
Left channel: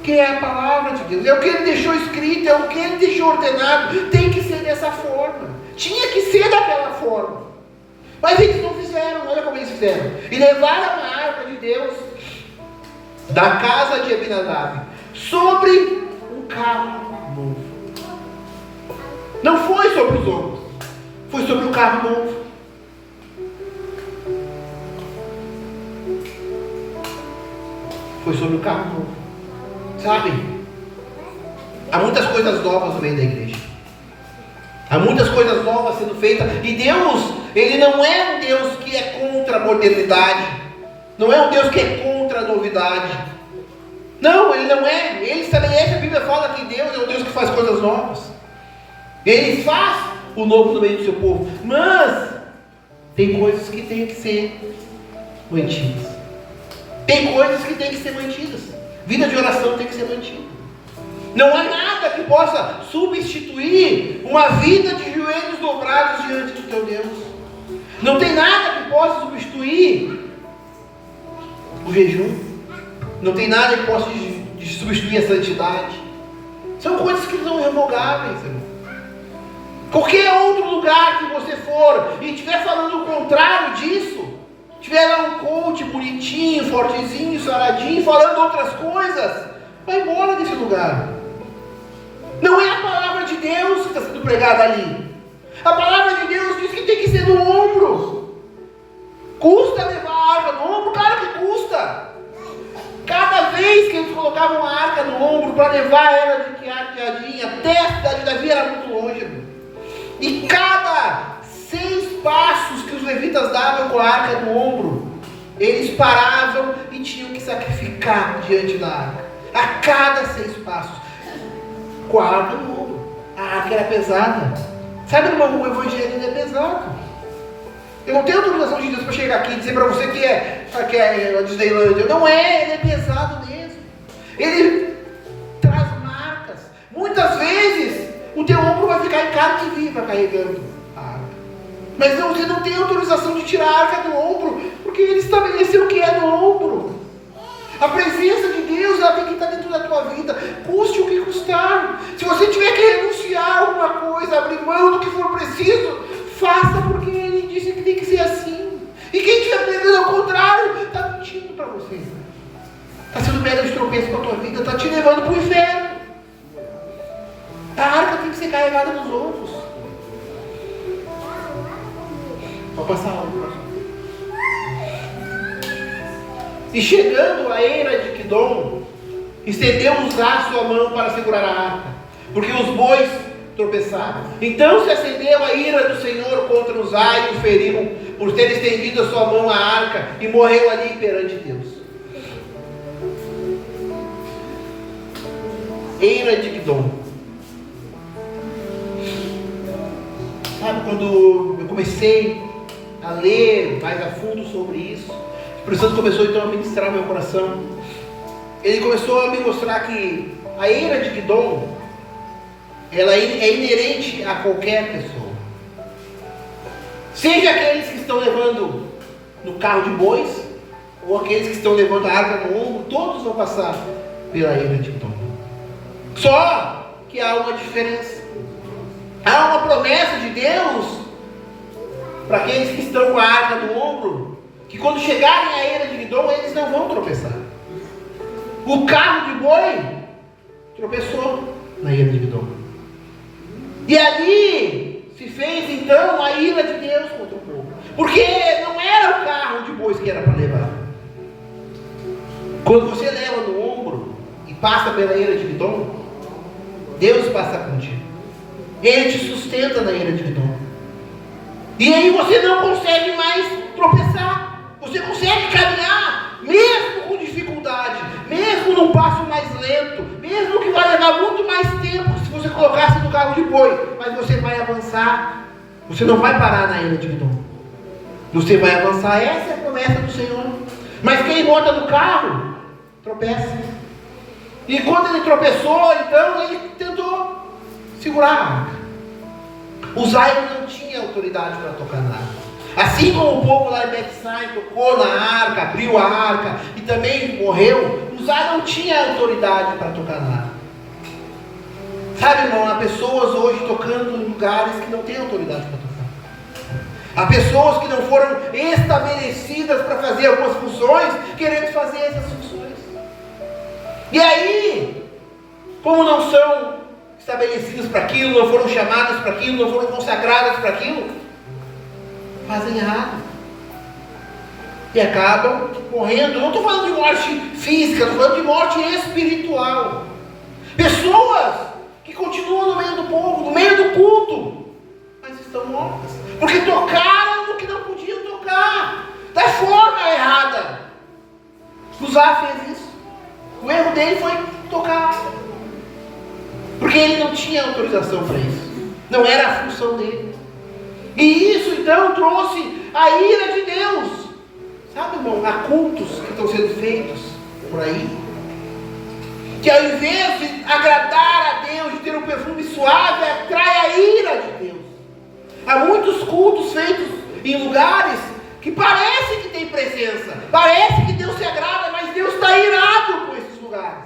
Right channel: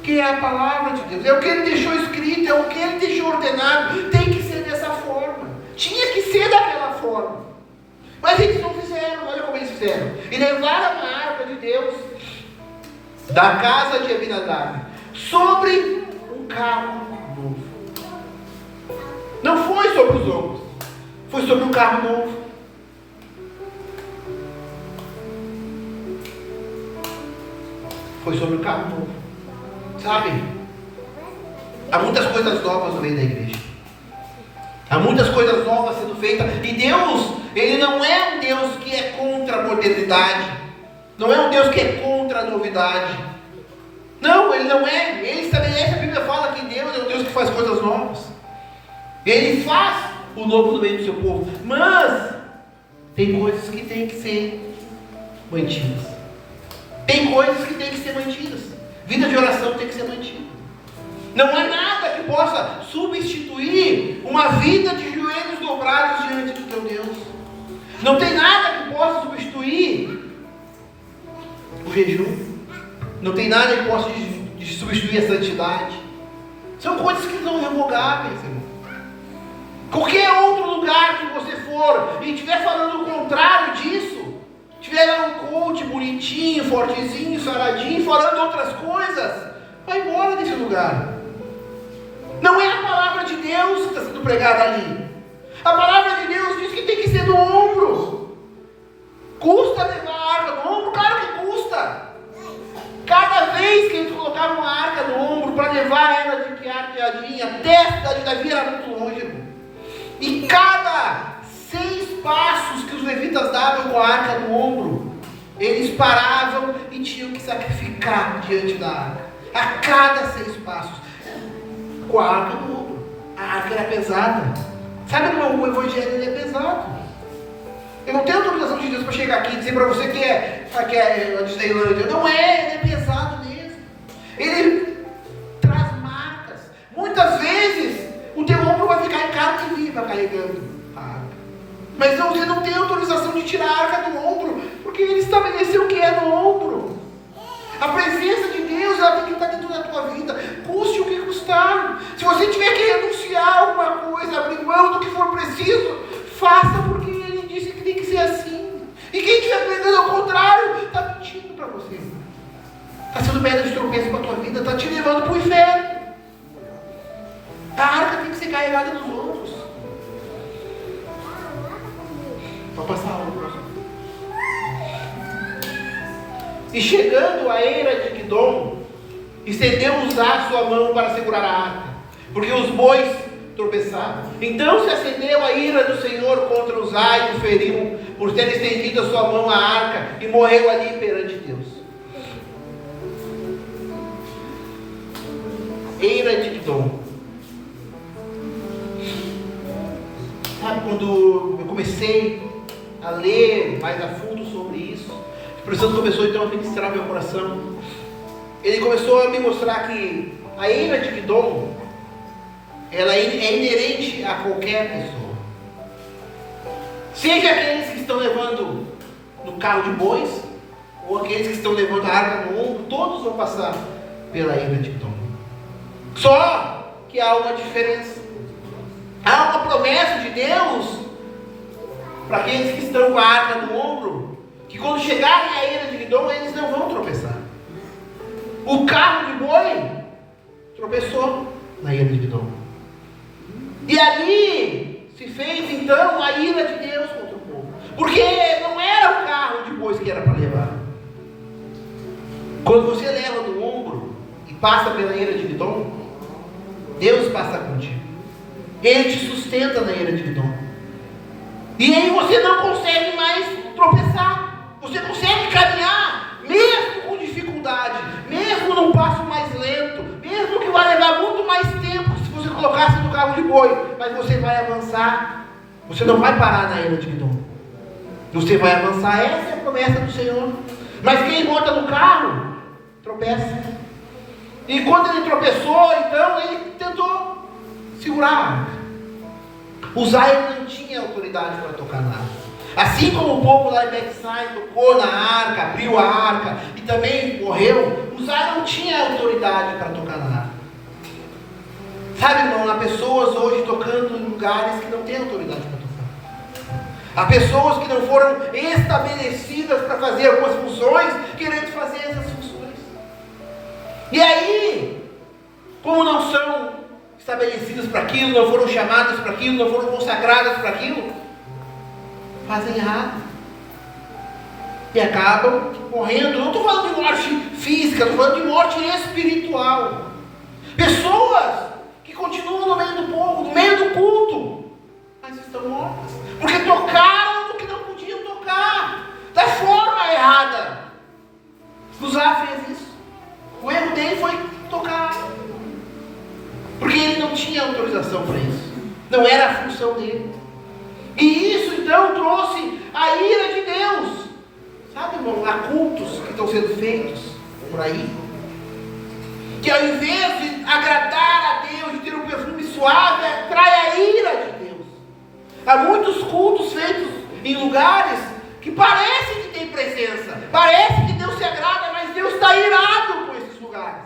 que é a palavra de Deus, é o que Ele deixou escrito, é o que Ele deixou ordenado. Tem que ser dessa forma, tinha que ser daquela forma, mas eles não fizeram. Olha como eles fizeram, e levaram a arca de Deus da casa de Abinadab sobre um carro novo. Não foi sobre os ombros, foi sobre um carro novo. Foi sobre o carro novo. Sabe, há muitas coisas novas no meio da igreja, há muitas coisas novas sendo feitas, e Deus, Ele não é um Deus que é contra a modernidade, não é um Deus que é contra a novidade, não, Ele não é. Ele estabelece, a Bíblia fala que Deus é um Deus que faz coisas novas, Ele faz o novo no meio do seu povo, mas tem coisas que tem que ser mantidas, tem coisas que tem que ser mantidas. Vida de oração tem que ser mantida. Não há nada que possa substituir uma vida de joelhos dobrados diante do teu Deus. Não tem nada que possa substituir o jejum. Não tem nada que possa substituir a santidade. São coisas que são irrevogáveis, irmão. Qualquer outro lugar que você for e estiver falando o contrário disso, tiver um coach bonitinho, fortezinho, saradinho, falando outras coisas, vai embora desse lugar. Não é a palavra de Deus que está sendo pregada ali. A palavra de Deus diz que tem que ser no ombro. Custa levar a arca no ombro? Claro que custa. Cada vez que eles colocavam a arca no ombro para levar ela de piadinha, até a cidade de Davi era muito longe, irmão. E cada 6 passos que os levitas davam com a arca no ombro, eles paravam e tinham que sacrificar diante da arca. A cada 6 passos, com a arca no ombro. A arca era pesada. Sabe, irmão, o evangelho ele é pesado. Eu não tenho autorização de Deus para chegar aqui e dizer para você que é a Disneylândia. Não é, ele é pesado mesmo. Ele traz marcas. Muitas vezes o teu ombro vai ficar em carne viva carregando a arca. Mas não, você não tem autorização de tirar a arca do ombro, porque Ele estabeleceu o que é no ombro. A presença de Deus, ela tem que estar dentro da tua vida, custe o que custar. Se você tiver que renunciar a alguma coisa, abrir mão do que for preciso, faça, porque Ele disse que tem que ser assim. E quem estiver pregando ao contrário, está mentindo para você. Está sendo pedra de tropeço para a tua vida, está te levando para o inferno. A arca tem que ser carregada nos outros. Vou passar algo. E chegando à eira de Quidom, estendeu-nos a sua mão para segurar a arca, porque os bois tropeçar. Então se acendeu a ira do Senhor contra Uzá e o feriu, por ter estendido a sua mão à arca, e morreu ali perante Deus. Eira de Gidom. Sabe, quando eu comecei a ler mais a fundo sobre isso, o Espírito Santo começou então a ministrar meu coração. Ele começou a me mostrar que a ira de Gidom, ela é inerente a qualquer pessoa. Seja aqueles que estão levando no carro de bois, ou aqueles que estão levando a arca no ombro, todos vão passar pela ira de Gidom. Só que há uma diferença. Há uma promessa de Deus para aqueles que estão com a arca no ombro, que quando chegarem à ira de Gidom, eles não vão tropeçar. O carro de boi tropeçou na ira de Gidom. E ali se fez então a ira de Deus contra o povo. Porque não era o carro de bois que era para levar. Quando você leva no ombro e passa pela ira de Gidom, Deus passa contigo. Ele te sustenta na ira de Gidom. E aí você não consegue mais tropeçar. Você consegue caminhar, mesmo com dificuldade, mesmo num passo mais lento, mesmo que vai levar muito mais tempo se você colocasse no carro de boi, mas você vai avançar. Você não vai parar na ira de Gidom. Você vai avançar. Essa é a promessa do Senhor. Mas quem monta no carro tropeça. E quando ele tropeçou, então ele tentou segurar a arca. Uzá não tinha autoridade para tocar na arca. Assim como o povo lá de Betsai tocou na arca, abriu a arca e também morreu, Uzá não tinha autoridade para tocar na arca. Sabe, irmão, há pessoas hoje tocando em lugares que não têm autoridade para tocar. Há pessoas que não foram estabelecidas para fazer algumas funções, querendo fazer essas funções. E aí, como não são estabelecidas para aquilo, não foram chamadas para aquilo, não foram consagradas para aquilo, fazem errado. E acabam morrendo. Não estou falando de morte física, estou falando de morte espiritual. Pessoas que continuam no meio do povo, no meio do culto, mas estão mortas. Porque tocaram no que não podiam tocar, da forma errada. Uzá fez isso. O erro dele foi tocar. Porque ele não tinha autorização para isso. Não era a função dele. E isso então trouxe a ira de Deus. Sabe, irmão, há cultos que estão sendo feitos por aí, que ao invés de agradar a Deus, de ter um perfume suave, atrai a ira de Deus. Há muitos cultos feitos em lugares que parece que tem presença, parece que Deus se agrada, mas Deus está irado com esses lugares.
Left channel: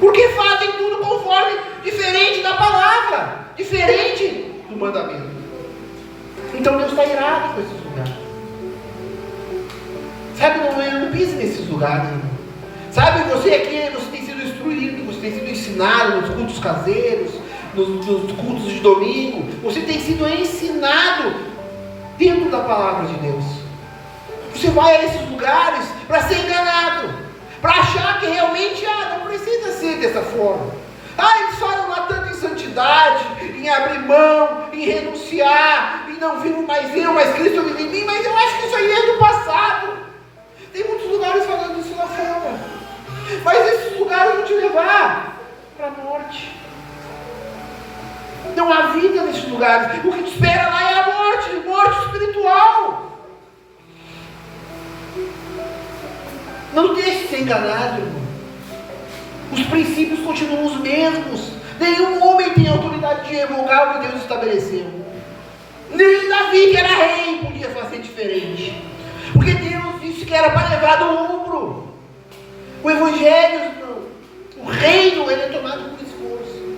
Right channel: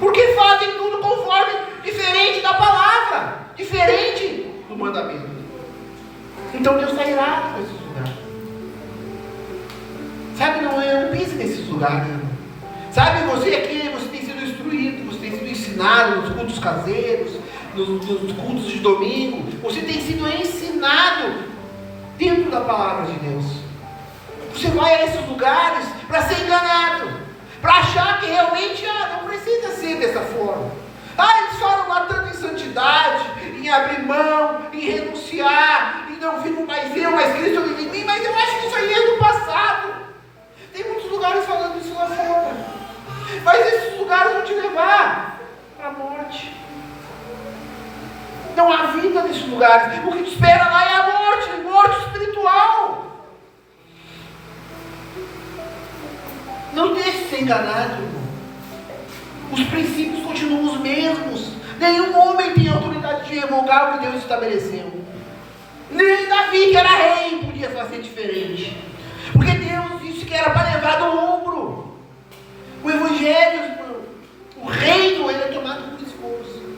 Porque fazem tudo conforme, diferente da palavra, diferente do mandamento. Então Deus está irado com esses lugares. Sabe, não pise nesses lugares, irmão. Sabe, você aqui, você tem sido instruído, você tem sido ensinado nos cultos caseiros, nos cultos de domingo, você tem sido ensinado dentro da palavra de Deus. Você vai a esses lugares para ser enganado, para achar que realmente não precisa ser dessa forma. Eles falam lá tanto em santidade, em abrir mão, em renunciar, e não vivo mais eu, mas Cristo vive em mim, mas eu acho que isso aí é do passado. Tem muitos lugares falando isso lá fora, mas esses lugares vão te levar para a morte. Não há vida nesses lugares. O que te espera lá é a morte espiritual. Não deixe ser enganado, irmão. Os princípios continuam os mesmos. Nenhum homem tem autoridade de revogar o que Deus estabeleceu. Nem Davi, que era rei, podia fazer diferente. Porque Deus disse que era para levar no ombro. O evangelho, irmão, o reino, ele é tomado por esforço.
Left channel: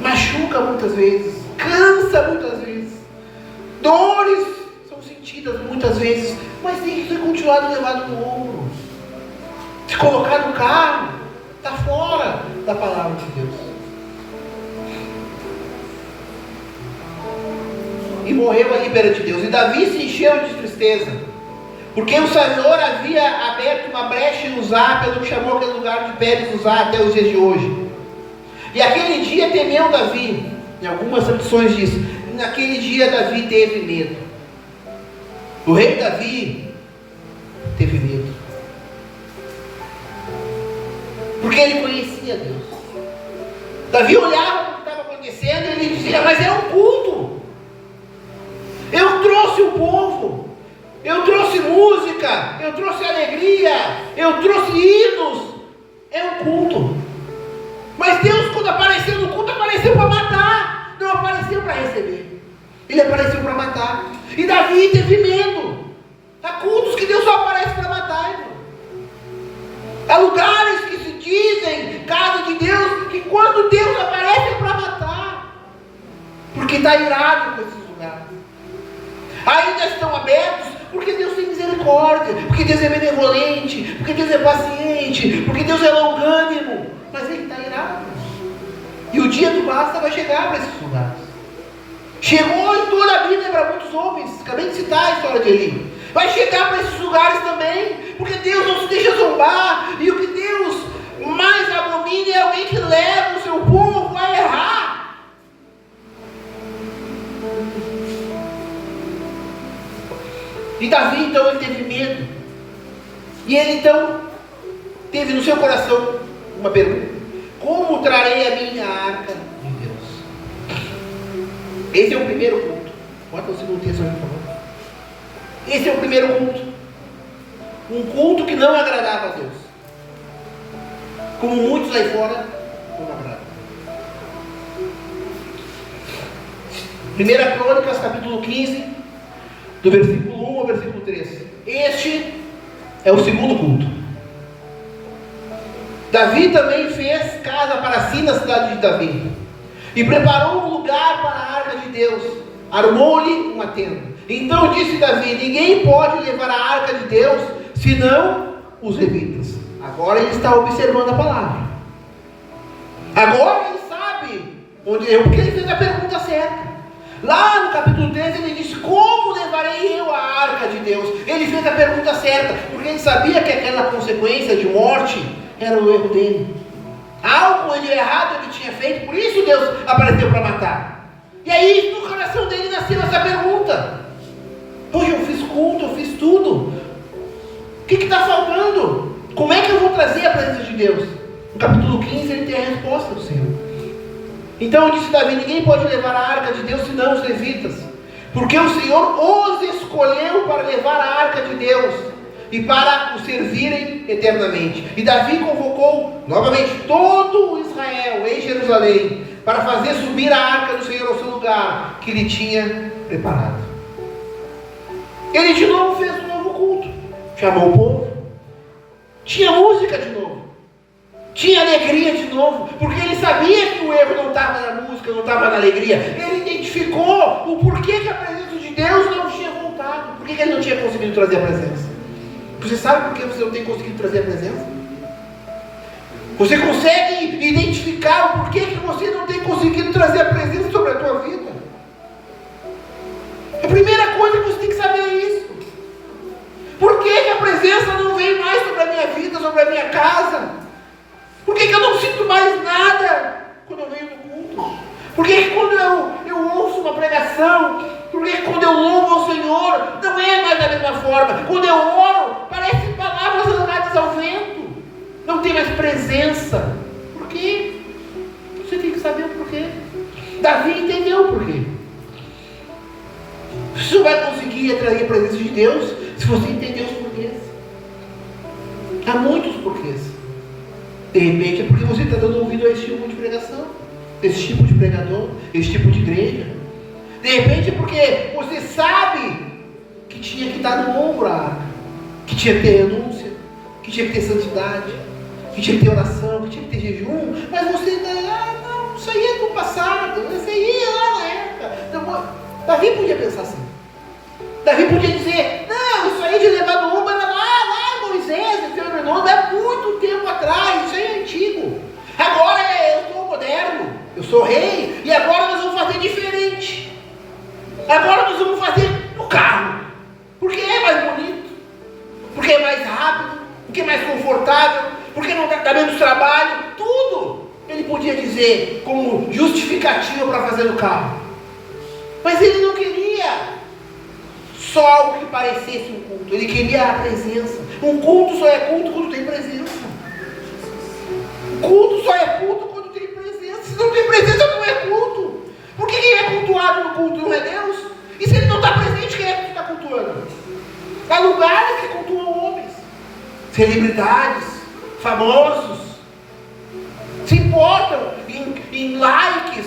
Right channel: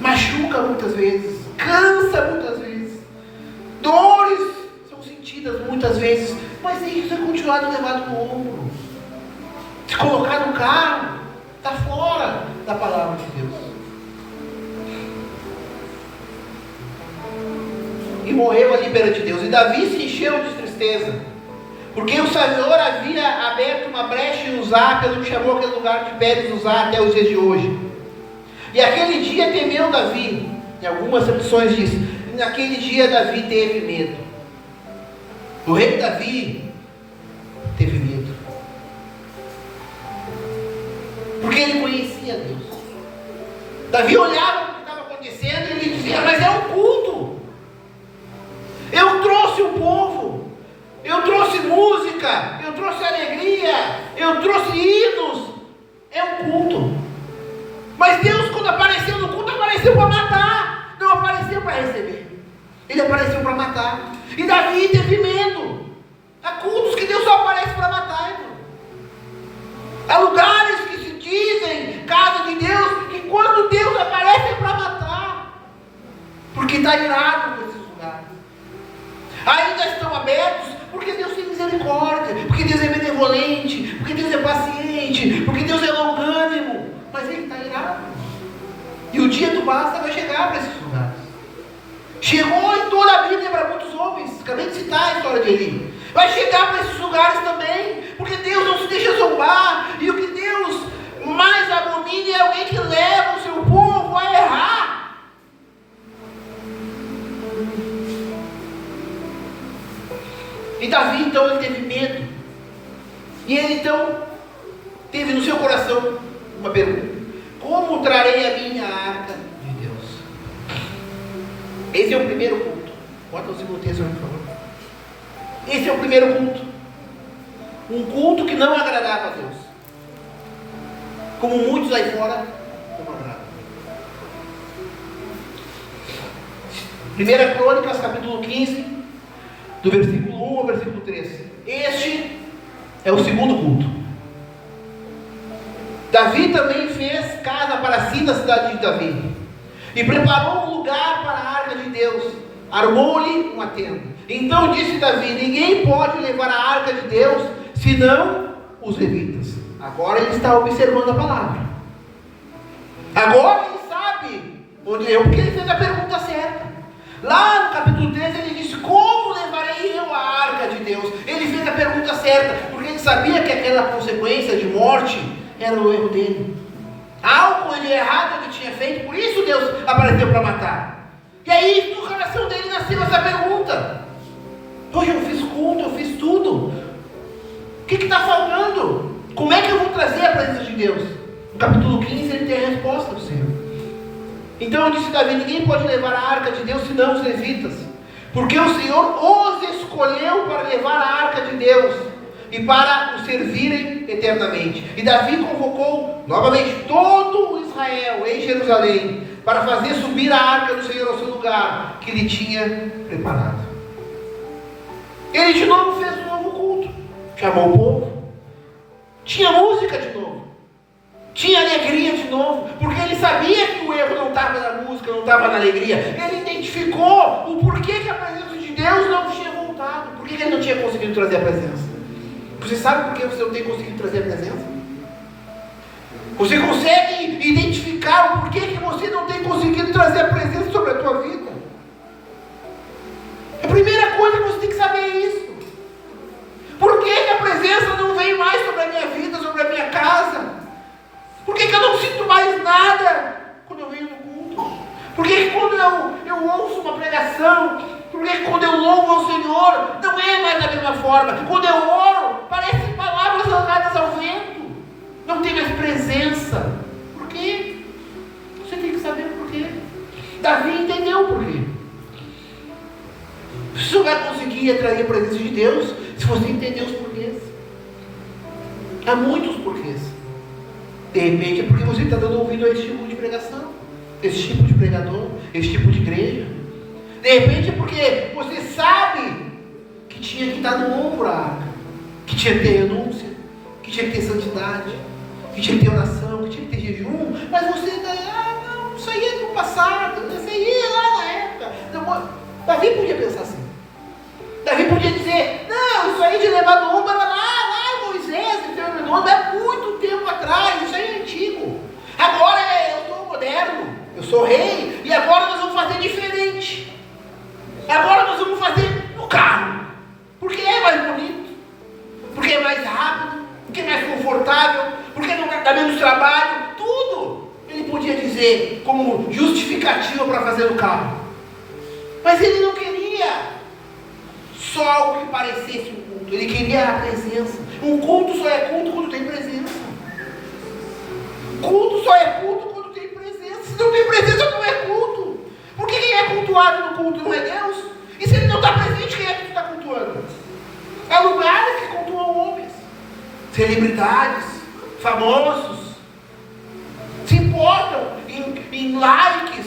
Machuca muitas vezes, cansa muitas vezes, dores são sentidas muitas vezes, mas tem que ser continuado levado no ombro. Se colocar no carro, está fora da palavra de Deus. E morreu ali perante Deus. E Davi se encheu de tristeza, porque o Senhor havia aberto uma brecha em Uzá, pelo que chamou aquele lugar de Pérez Uzá até os dias de hoje. E aquele dia temeu Davi. Em algumas opções diz: naquele dia Davi teve medo. O rei Davi teve medo, porque ele conhecia Deus. Davi olhava o que estava acontecendo e ele dizia: mas é um culto. Eu trouxe o povo, eu trouxe música, eu trouxe alegria, eu trouxe hinos. É um culto. Mas Deus, quando apareceu no culto, apareceu para matar, não apareceu para receber. Ele apareceu para matar. E Davi teve medo. Há cultos que Deus só aparece para matar, irmão. Há lugares que se dizem casa de Deus, que quando Deus aparece é para matar, porque está irado com esses lugares. Ainda estão abertos porque Deus tem misericórdia, porque Deus é benevolente, porque Deus é paciente, porque Deus é longânimo, mas Ele está irado. E o dia do basta vai chegar para esses lugares. Chegou em toda a Bíblia para muitos homens. Acabei de citar a história de Eli. Vai chegar para esses lugares também, porque Deus não se deixa zombar. E o que Deus mais abomina é alguém que leva o seu povo a errar. E Davi então ele teve medo. E ele então teve no seu coração uma pergunta: como trarei a minha arca de Deus? Esse é o primeiro culto. Bota o segundo texto, por favor. Esse é o primeiro culto. Um culto que não agradava a Deus, como muitos aí fora não agradam. 1 Crônicas, capítulo 15, do versículo 1 ao versículo 3. Este é o segundo culto. Davi também fez casa para si na cidade de Davi, e preparou um lugar para a arca de Deus, armou-lhe uma tenda. Então disse Davi: ninguém pode levar a arca de Deus, senão os levitas. Agora ele está observando a palavra. Agora ele sabe onde eu, porque ele fez a pergunta certa. Lá no capítulo 13 ele disse: como levarei eu a arca de Deus? Ele fez a pergunta certa, porque ele sabia que aquela consequência de morte era o erro dele. Algo de errado ele tinha feito, por isso Deus apareceu para matar. E aí no coração dele nasceu essa pergunta: hoje eu fiz culto, eu fiz tudo, o que está faltando? Como é que eu vou trazer a presença de Deus? No capítulo 15 ele tem a resposta do Senhor. Então disse Davi: ninguém pode levar a arca de Deus senão os levitas, porque o Senhor os escolheu para levar a arca de Deus e para o servirem eternamente. E Davi convocou novamente todo o Israel em Jerusalém para fazer subir a arca do Senhor ao seu lugar que ele tinha preparado. Ele de novo fez um novo culto, chamou o povo, tinha música de novo, tinha alegria de novo, porque ele sabia que o erro não estava na música, não estava na alegria. Ele identificou o porquê que a presença de Deus não tinha voltado, por que ele não tinha conseguido trazer a presença. Você sabe por que você não tem conseguido trazer a presença? Você consegue identificar o porquê que você não tem conseguido trazer a presença sobre a tua vida? A primeira coisa que você tem que saber é isso. Por que a presença não vem mais sobre a minha vida, sobre a minha casa? Por que eu não sinto mais nada quando eu venho no culto? Por que quando eu ouço uma pregação, por que quando eu louvo ao Senhor, não é mais da mesma forma? Quando eu oro, parece palavras jogadas ao vento, não tem mais presença. Por quê? Você tem que saber por quê. Davi entendeu por quê. Você só vai conseguir atrair a presença de Deus se você entender os porquês. Há muitos porquês. De repente é porque você está dando ouvido a esse tipo de pregação, esse tipo de pregador, esse tipo de igreja. De repente é porque você sabe que tinha que dar no ombro a arca, que tinha que ter renúncia, que tinha que ter santidade, que tinha que ter oração, que tinha que ter jejum, mas você ainda, não, isso aí é do passado, isso aí é lá na época. Então, Davi podia pensar assim. Davi podia dizer: não, isso aí de levar no ombro era lá Moisés, não é muito tempo atrás, isso aí é antigo. Agora eu sou moderno, eu sou rei, e agora nós vamos fazer diferente. Agora nós vamos fazer no carro, porque é mais bonito, porque é mais rápido, porque é mais confortável, porque não dá menos trabalho, tudo. Ele podia dizer: ter como justificativa para fazer o carro. Mas ele não queria só algo que parecesse um culto. Ele queria a presença. Um culto só é culto quando tem presença. Culto só é culto quando tem presença. Se não tem presença, não é culto. Porque quem é cultuado no culto não é Deus? E se ele não está presente, quem é que está cultuando? Há lugares que cultuam homens, celebridades, famosos, se importam em likes,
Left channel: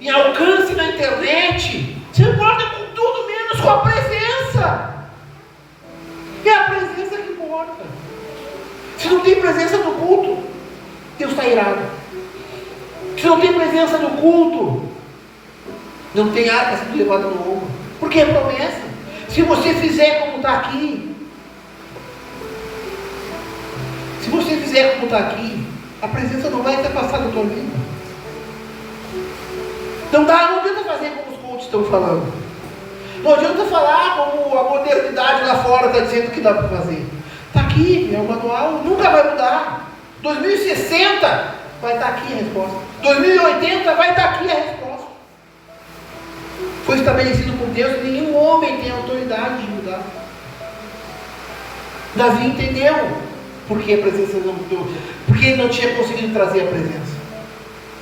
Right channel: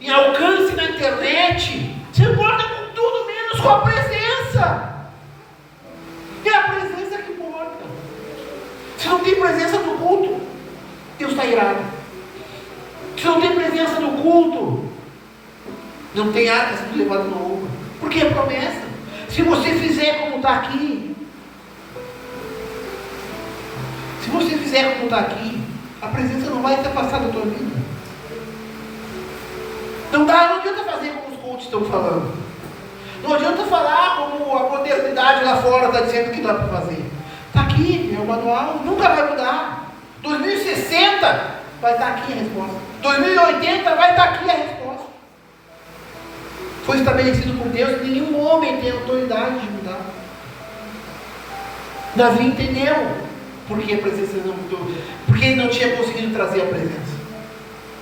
em alcance na internet, se importam com tudo menos com a presença. É a presença que importa. Se não tem presença no culto, Deus está irado. Se não tem presença no culto, não tem arca sendo levada no ombro. Porque é promessa. Se você fizer como está aqui, a presença não vai até passar da tua vida. Não adianta fazer como os cultos estão falando. Não adianta falar como a modernidade lá fora está dizendo que dá para fazer. Está aqui, é o manual, nunca vai mudar. 2060 vai estar aqui a resposta. 2080 vai estar aqui a resposta. Foi estabelecido por Deus e nenhum homem tem autoridade de mudar. Davi entendeu porque a presença não mudou, porque ele não tinha conseguido trazer a presença.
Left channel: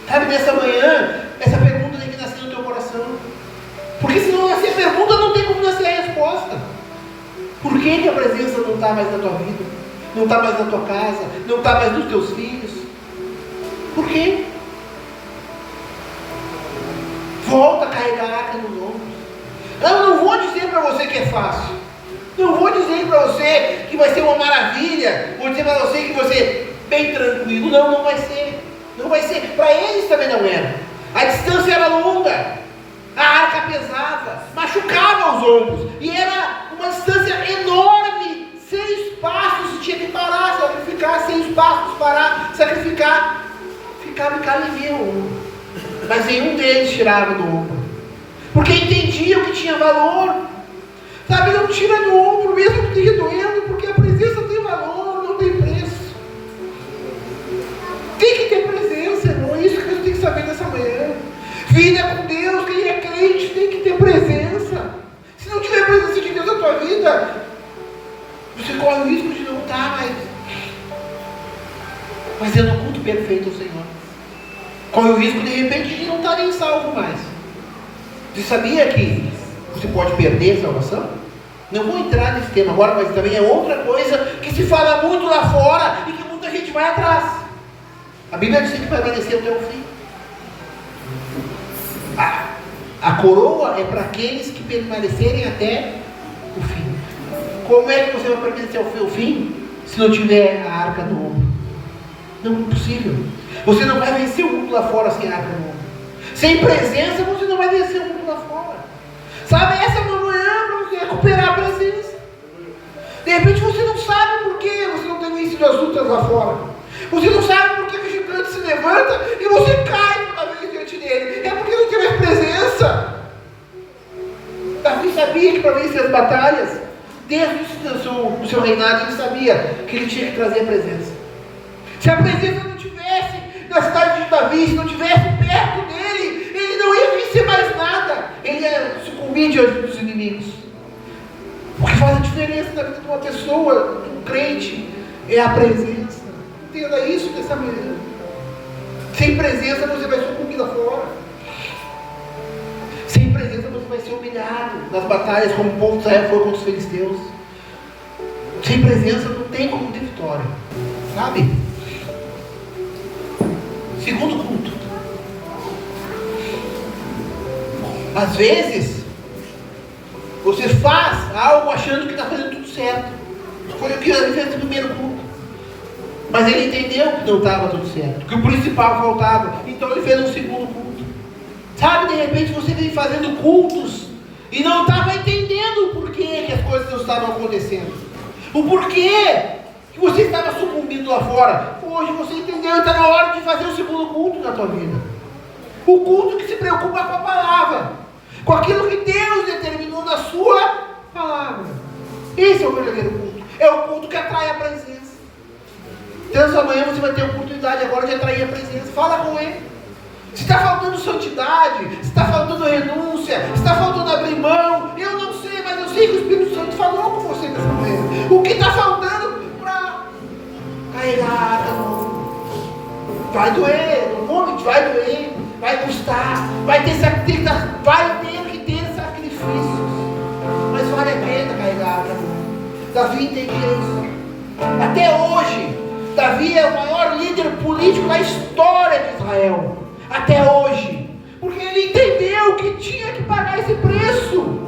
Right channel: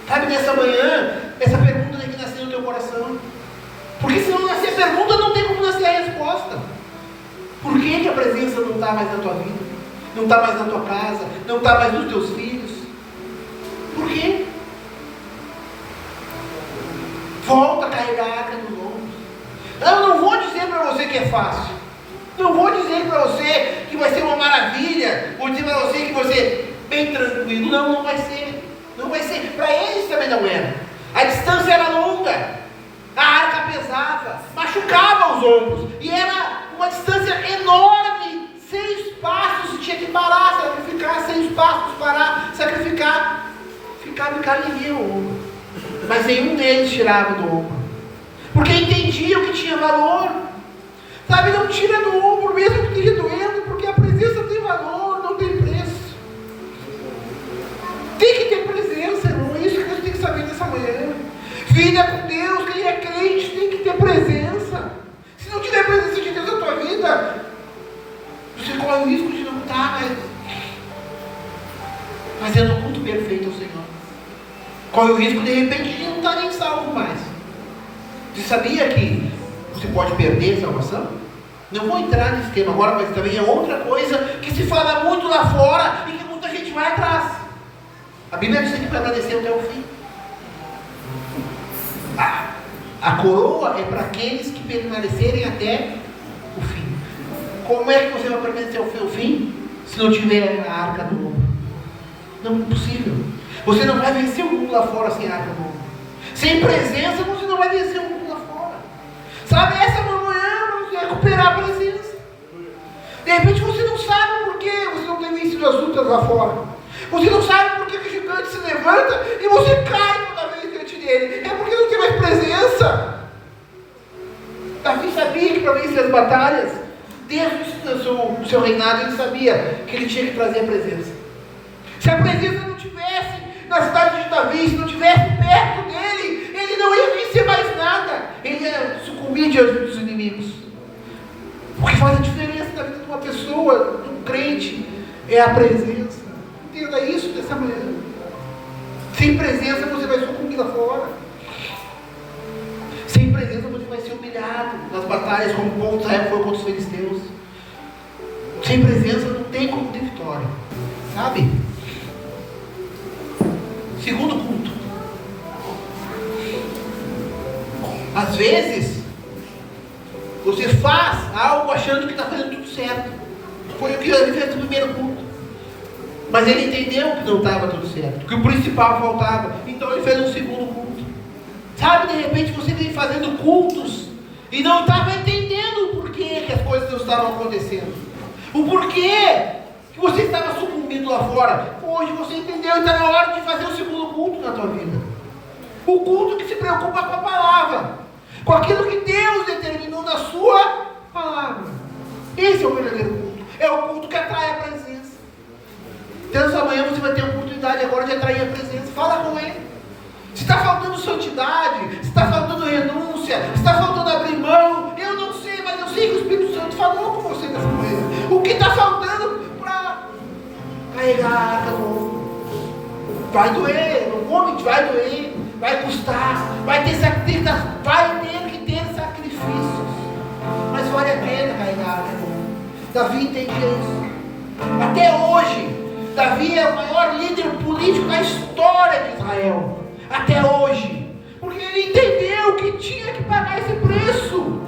Sabe, nessa manhã, essa pergunta tem que nascer no teu coração. Porque se não nascer a pergunta, não tem como nascer a resposta. Por que a presença não está mais na tua vida? Não está mais na tua casa? Não está mais nos teus filhos? Por quê? Volta a carregar a arca no ombro. Eu não vou dizer para você que é fácil. Não vou dizer para você que vai ser uma maravilha. Vou dizer para você que vai ser bem tranquilo. Não, não vai ser. Não vai ser. Para eles também não era. A distância era longa. A arca pesava. Machucava os ombros. E era uma distância enorme. 6 passos tinha que parar. Sacrificar 6 passos. Parar. Sacrificar. Ficava encalinhando o ombro. Mas nenhum deles tirava do ombro. Porque entendiam que tinha valor. Sabe, não tira do ombro mesmo que esteja doendo, porque a presença tem valor, não tem preço. Tem que ter presença, irmão. É isso que Deus tem que saber nessa manhã. Vida com Deus, quem é crente tem que ter presença. Se não tiver presença de Deus na tua vida, você corre o risco de não estar mais fazendo o culto perfeito ao Senhor. Corre o risco de repente de não estar nem salvo mais. Você sabia que você pode perder a salvação? Não vou entrar nesse tema agora, mas também é outra coisa que se fala muito lá fora e que muita gente vai atrás. A Bíblia diz que vai permanecer até o fim. A coroa é para aqueles que permanecerem até o fim. Como é que você vai permanecer até o fim se não tiver a arca no ombro? Não é possível. Você não vai vencer o mundo lá fora sem a arca no ombro. Sem presença você não vai vencer o mundo lá fora. Sabe, essa é uma manhã para você recuperar a presença. De repente você não sabe por que você não tem vencido as lutas lá fora. Você não sabe por que o gigante se levanta e você cai toda vez diante dele. É porque não tem mais presença. Davi sabia que para vencer as batalhas, desde o seu reinado, ele sabia que ele tinha que trazer a presença. Se a presença não tivesse na cidade de Davi, se não tivesse perto dele, ele não ia vencer mais nada. Ele ia sucumbir diante dos inimigos. O que faz a diferença na vida de uma pessoa, de um crente, é a presença. Entenda isso dessa manhã. Sem presença você vai sucumbir lá fora. Sem presença você vai ser humilhado nas batalhas como o povo de Israel foi contra os filisteus. Sem presença não tem como ter vitória. Sabe? Segundo culto. Às vezes, você faz algo achando que está fazendo tudo certo. Foi o que ele fez no primeiro culto. Mas ele entendeu que não estava tudo certo, que o principal faltava. Então ele fez um segundo culto. Sabe, de repente você vem fazendo cultos e não estava entendendo o porquê que as coisas não estavam acontecendo. O porquê que você estava sucumbindo lá fora. Hoje você entendeu, está na hora de fazer o segundo culto na tua vida. O culto que se preocupa com a palavra, com aquilo que Deus determinou na sua palavra. Esse é o verdadeiro culto. É o culto que atrai a presença. Então essa manhã você vai ter a oportunidade agora de atrair a presença. Fala com ele. Se está faltando santidade, se está faltando renúncia, se está faltando abrir mão, eu não sei, mas eu sei que o Espírito Santo falou com você dessa vez. O que está faltando para carregar a arca no ombro? Vai doer, no momento vai doer, vai custar, vai ter que ter sacrifícios, mas vale a pena carregar a arca no ombro. Davi entendia isso. Até hoje, Davi é o maior líder político da história de Israel. Até hoje. Porque ele entendeu que tinha que pagar esse preço.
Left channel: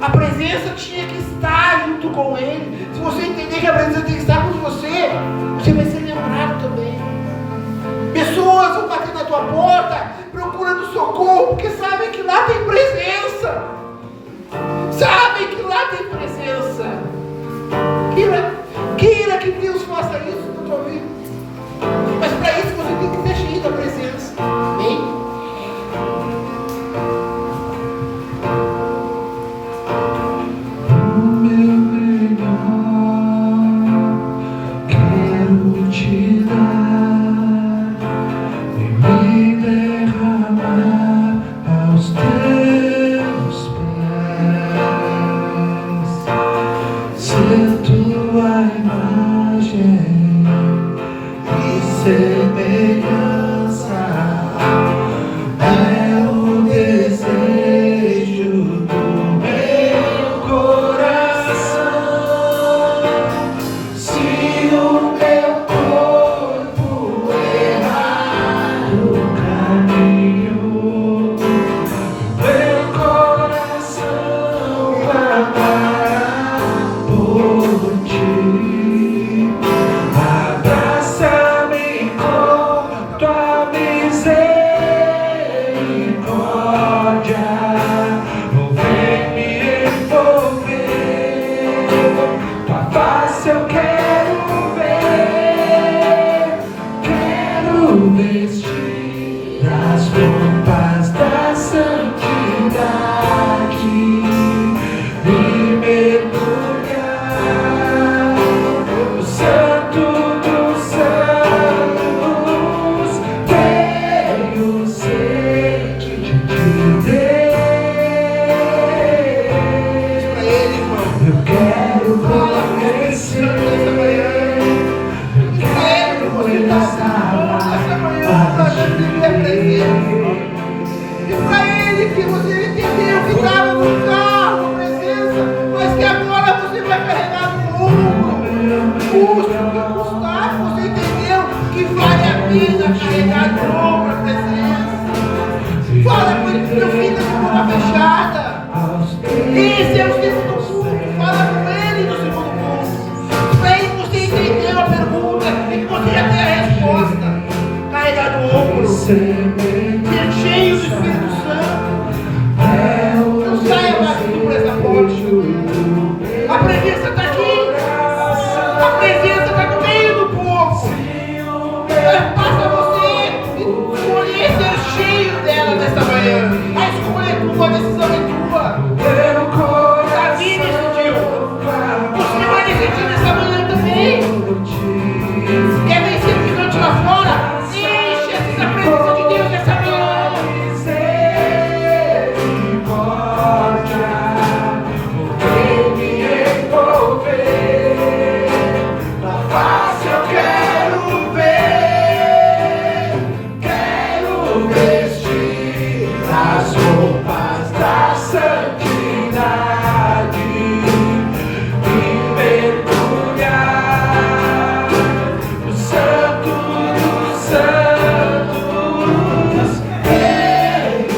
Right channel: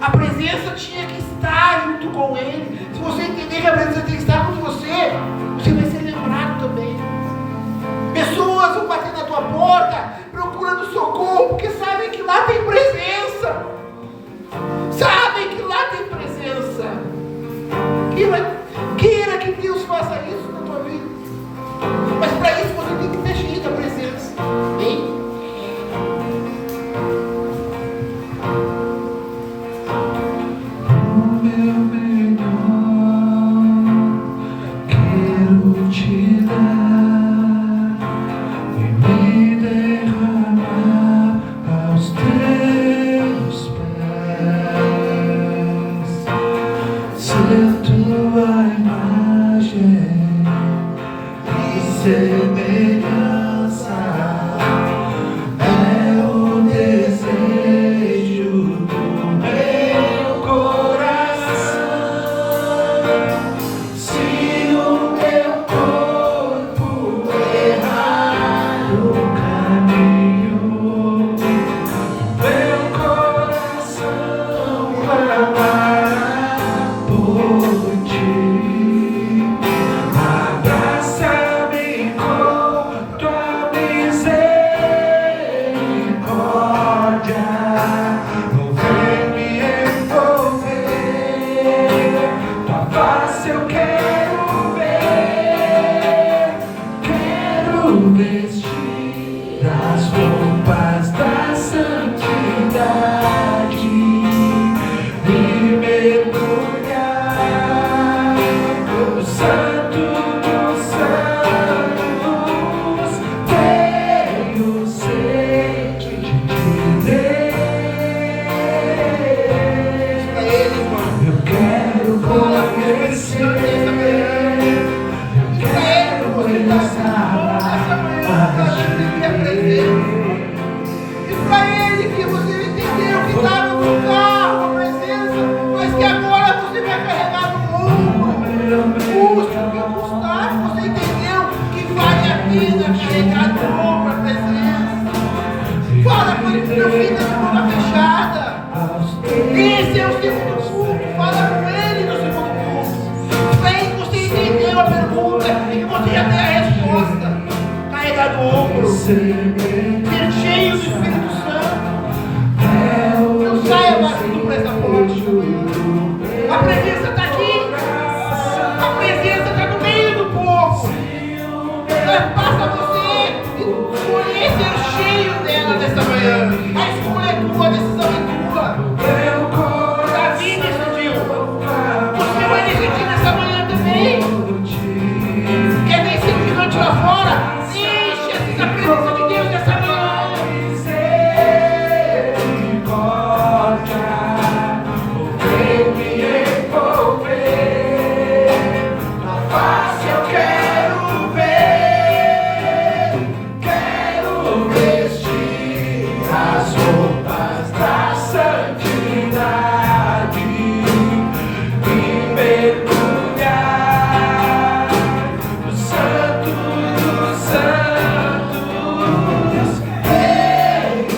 A presença tinha que estar junto com ele. Se você entender que a presença tem que estar com você, você vai ser lembrado também. Pessoas vão bater na tua porta procurando socorro, porque sabem que lá tem presença. Sabem que lá tem presença. Queira que Deus faça isso na tua vida. Mas para isso você tem que ser cheio da presença. Amém? O meu melhor quero te dar e me derramar aos teus pés. Ser tua imagem e semelhança é o desejo do meu coração. Se o meu corpo errar o caminho, meu coração clamará por ti. Abraça-me com tua misericórdia, vem me envolver. Tua face eu quero ver, quero vestir as roupas da santidade e mergulhar no Santo dos Santos. Tenho sede de Deus. Eu quero conhecer, eu quero e para Ele que você entendeu que estava no carro, a presença, mas que agora você vai carregar no ombro. Custa o que custar, você entendeu que vale a pena carregar no ombro a presença. Fala com ele, meu filho, de boca fechada. Esse é o segundo culto. Fala com ele no segundo culto. Vem, você entendeu a pergunta e você já tem a resposta. Carregar no ombro. Ser cheio do Espírito Santo. Não saia daqui por essa porta. A presença está aqui. A presença está no meio do povo. Mas passa você e escolher ser cheio dela nessa manhã. A escolha é tua, a decisão é tua. Davi decidiu. Você vai decidir nessa manhã também. Quer vencer o gigante lá fora? Enche essa presença de Deus nessa manhã.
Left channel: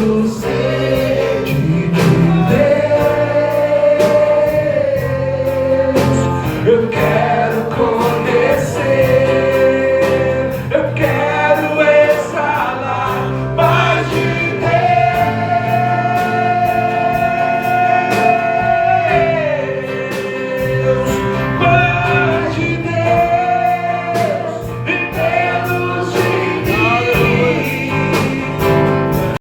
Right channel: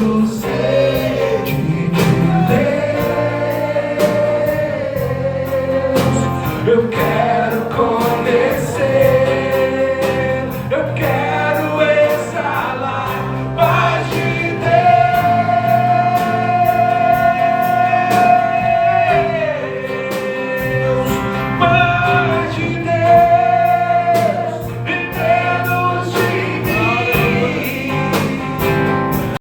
Santos,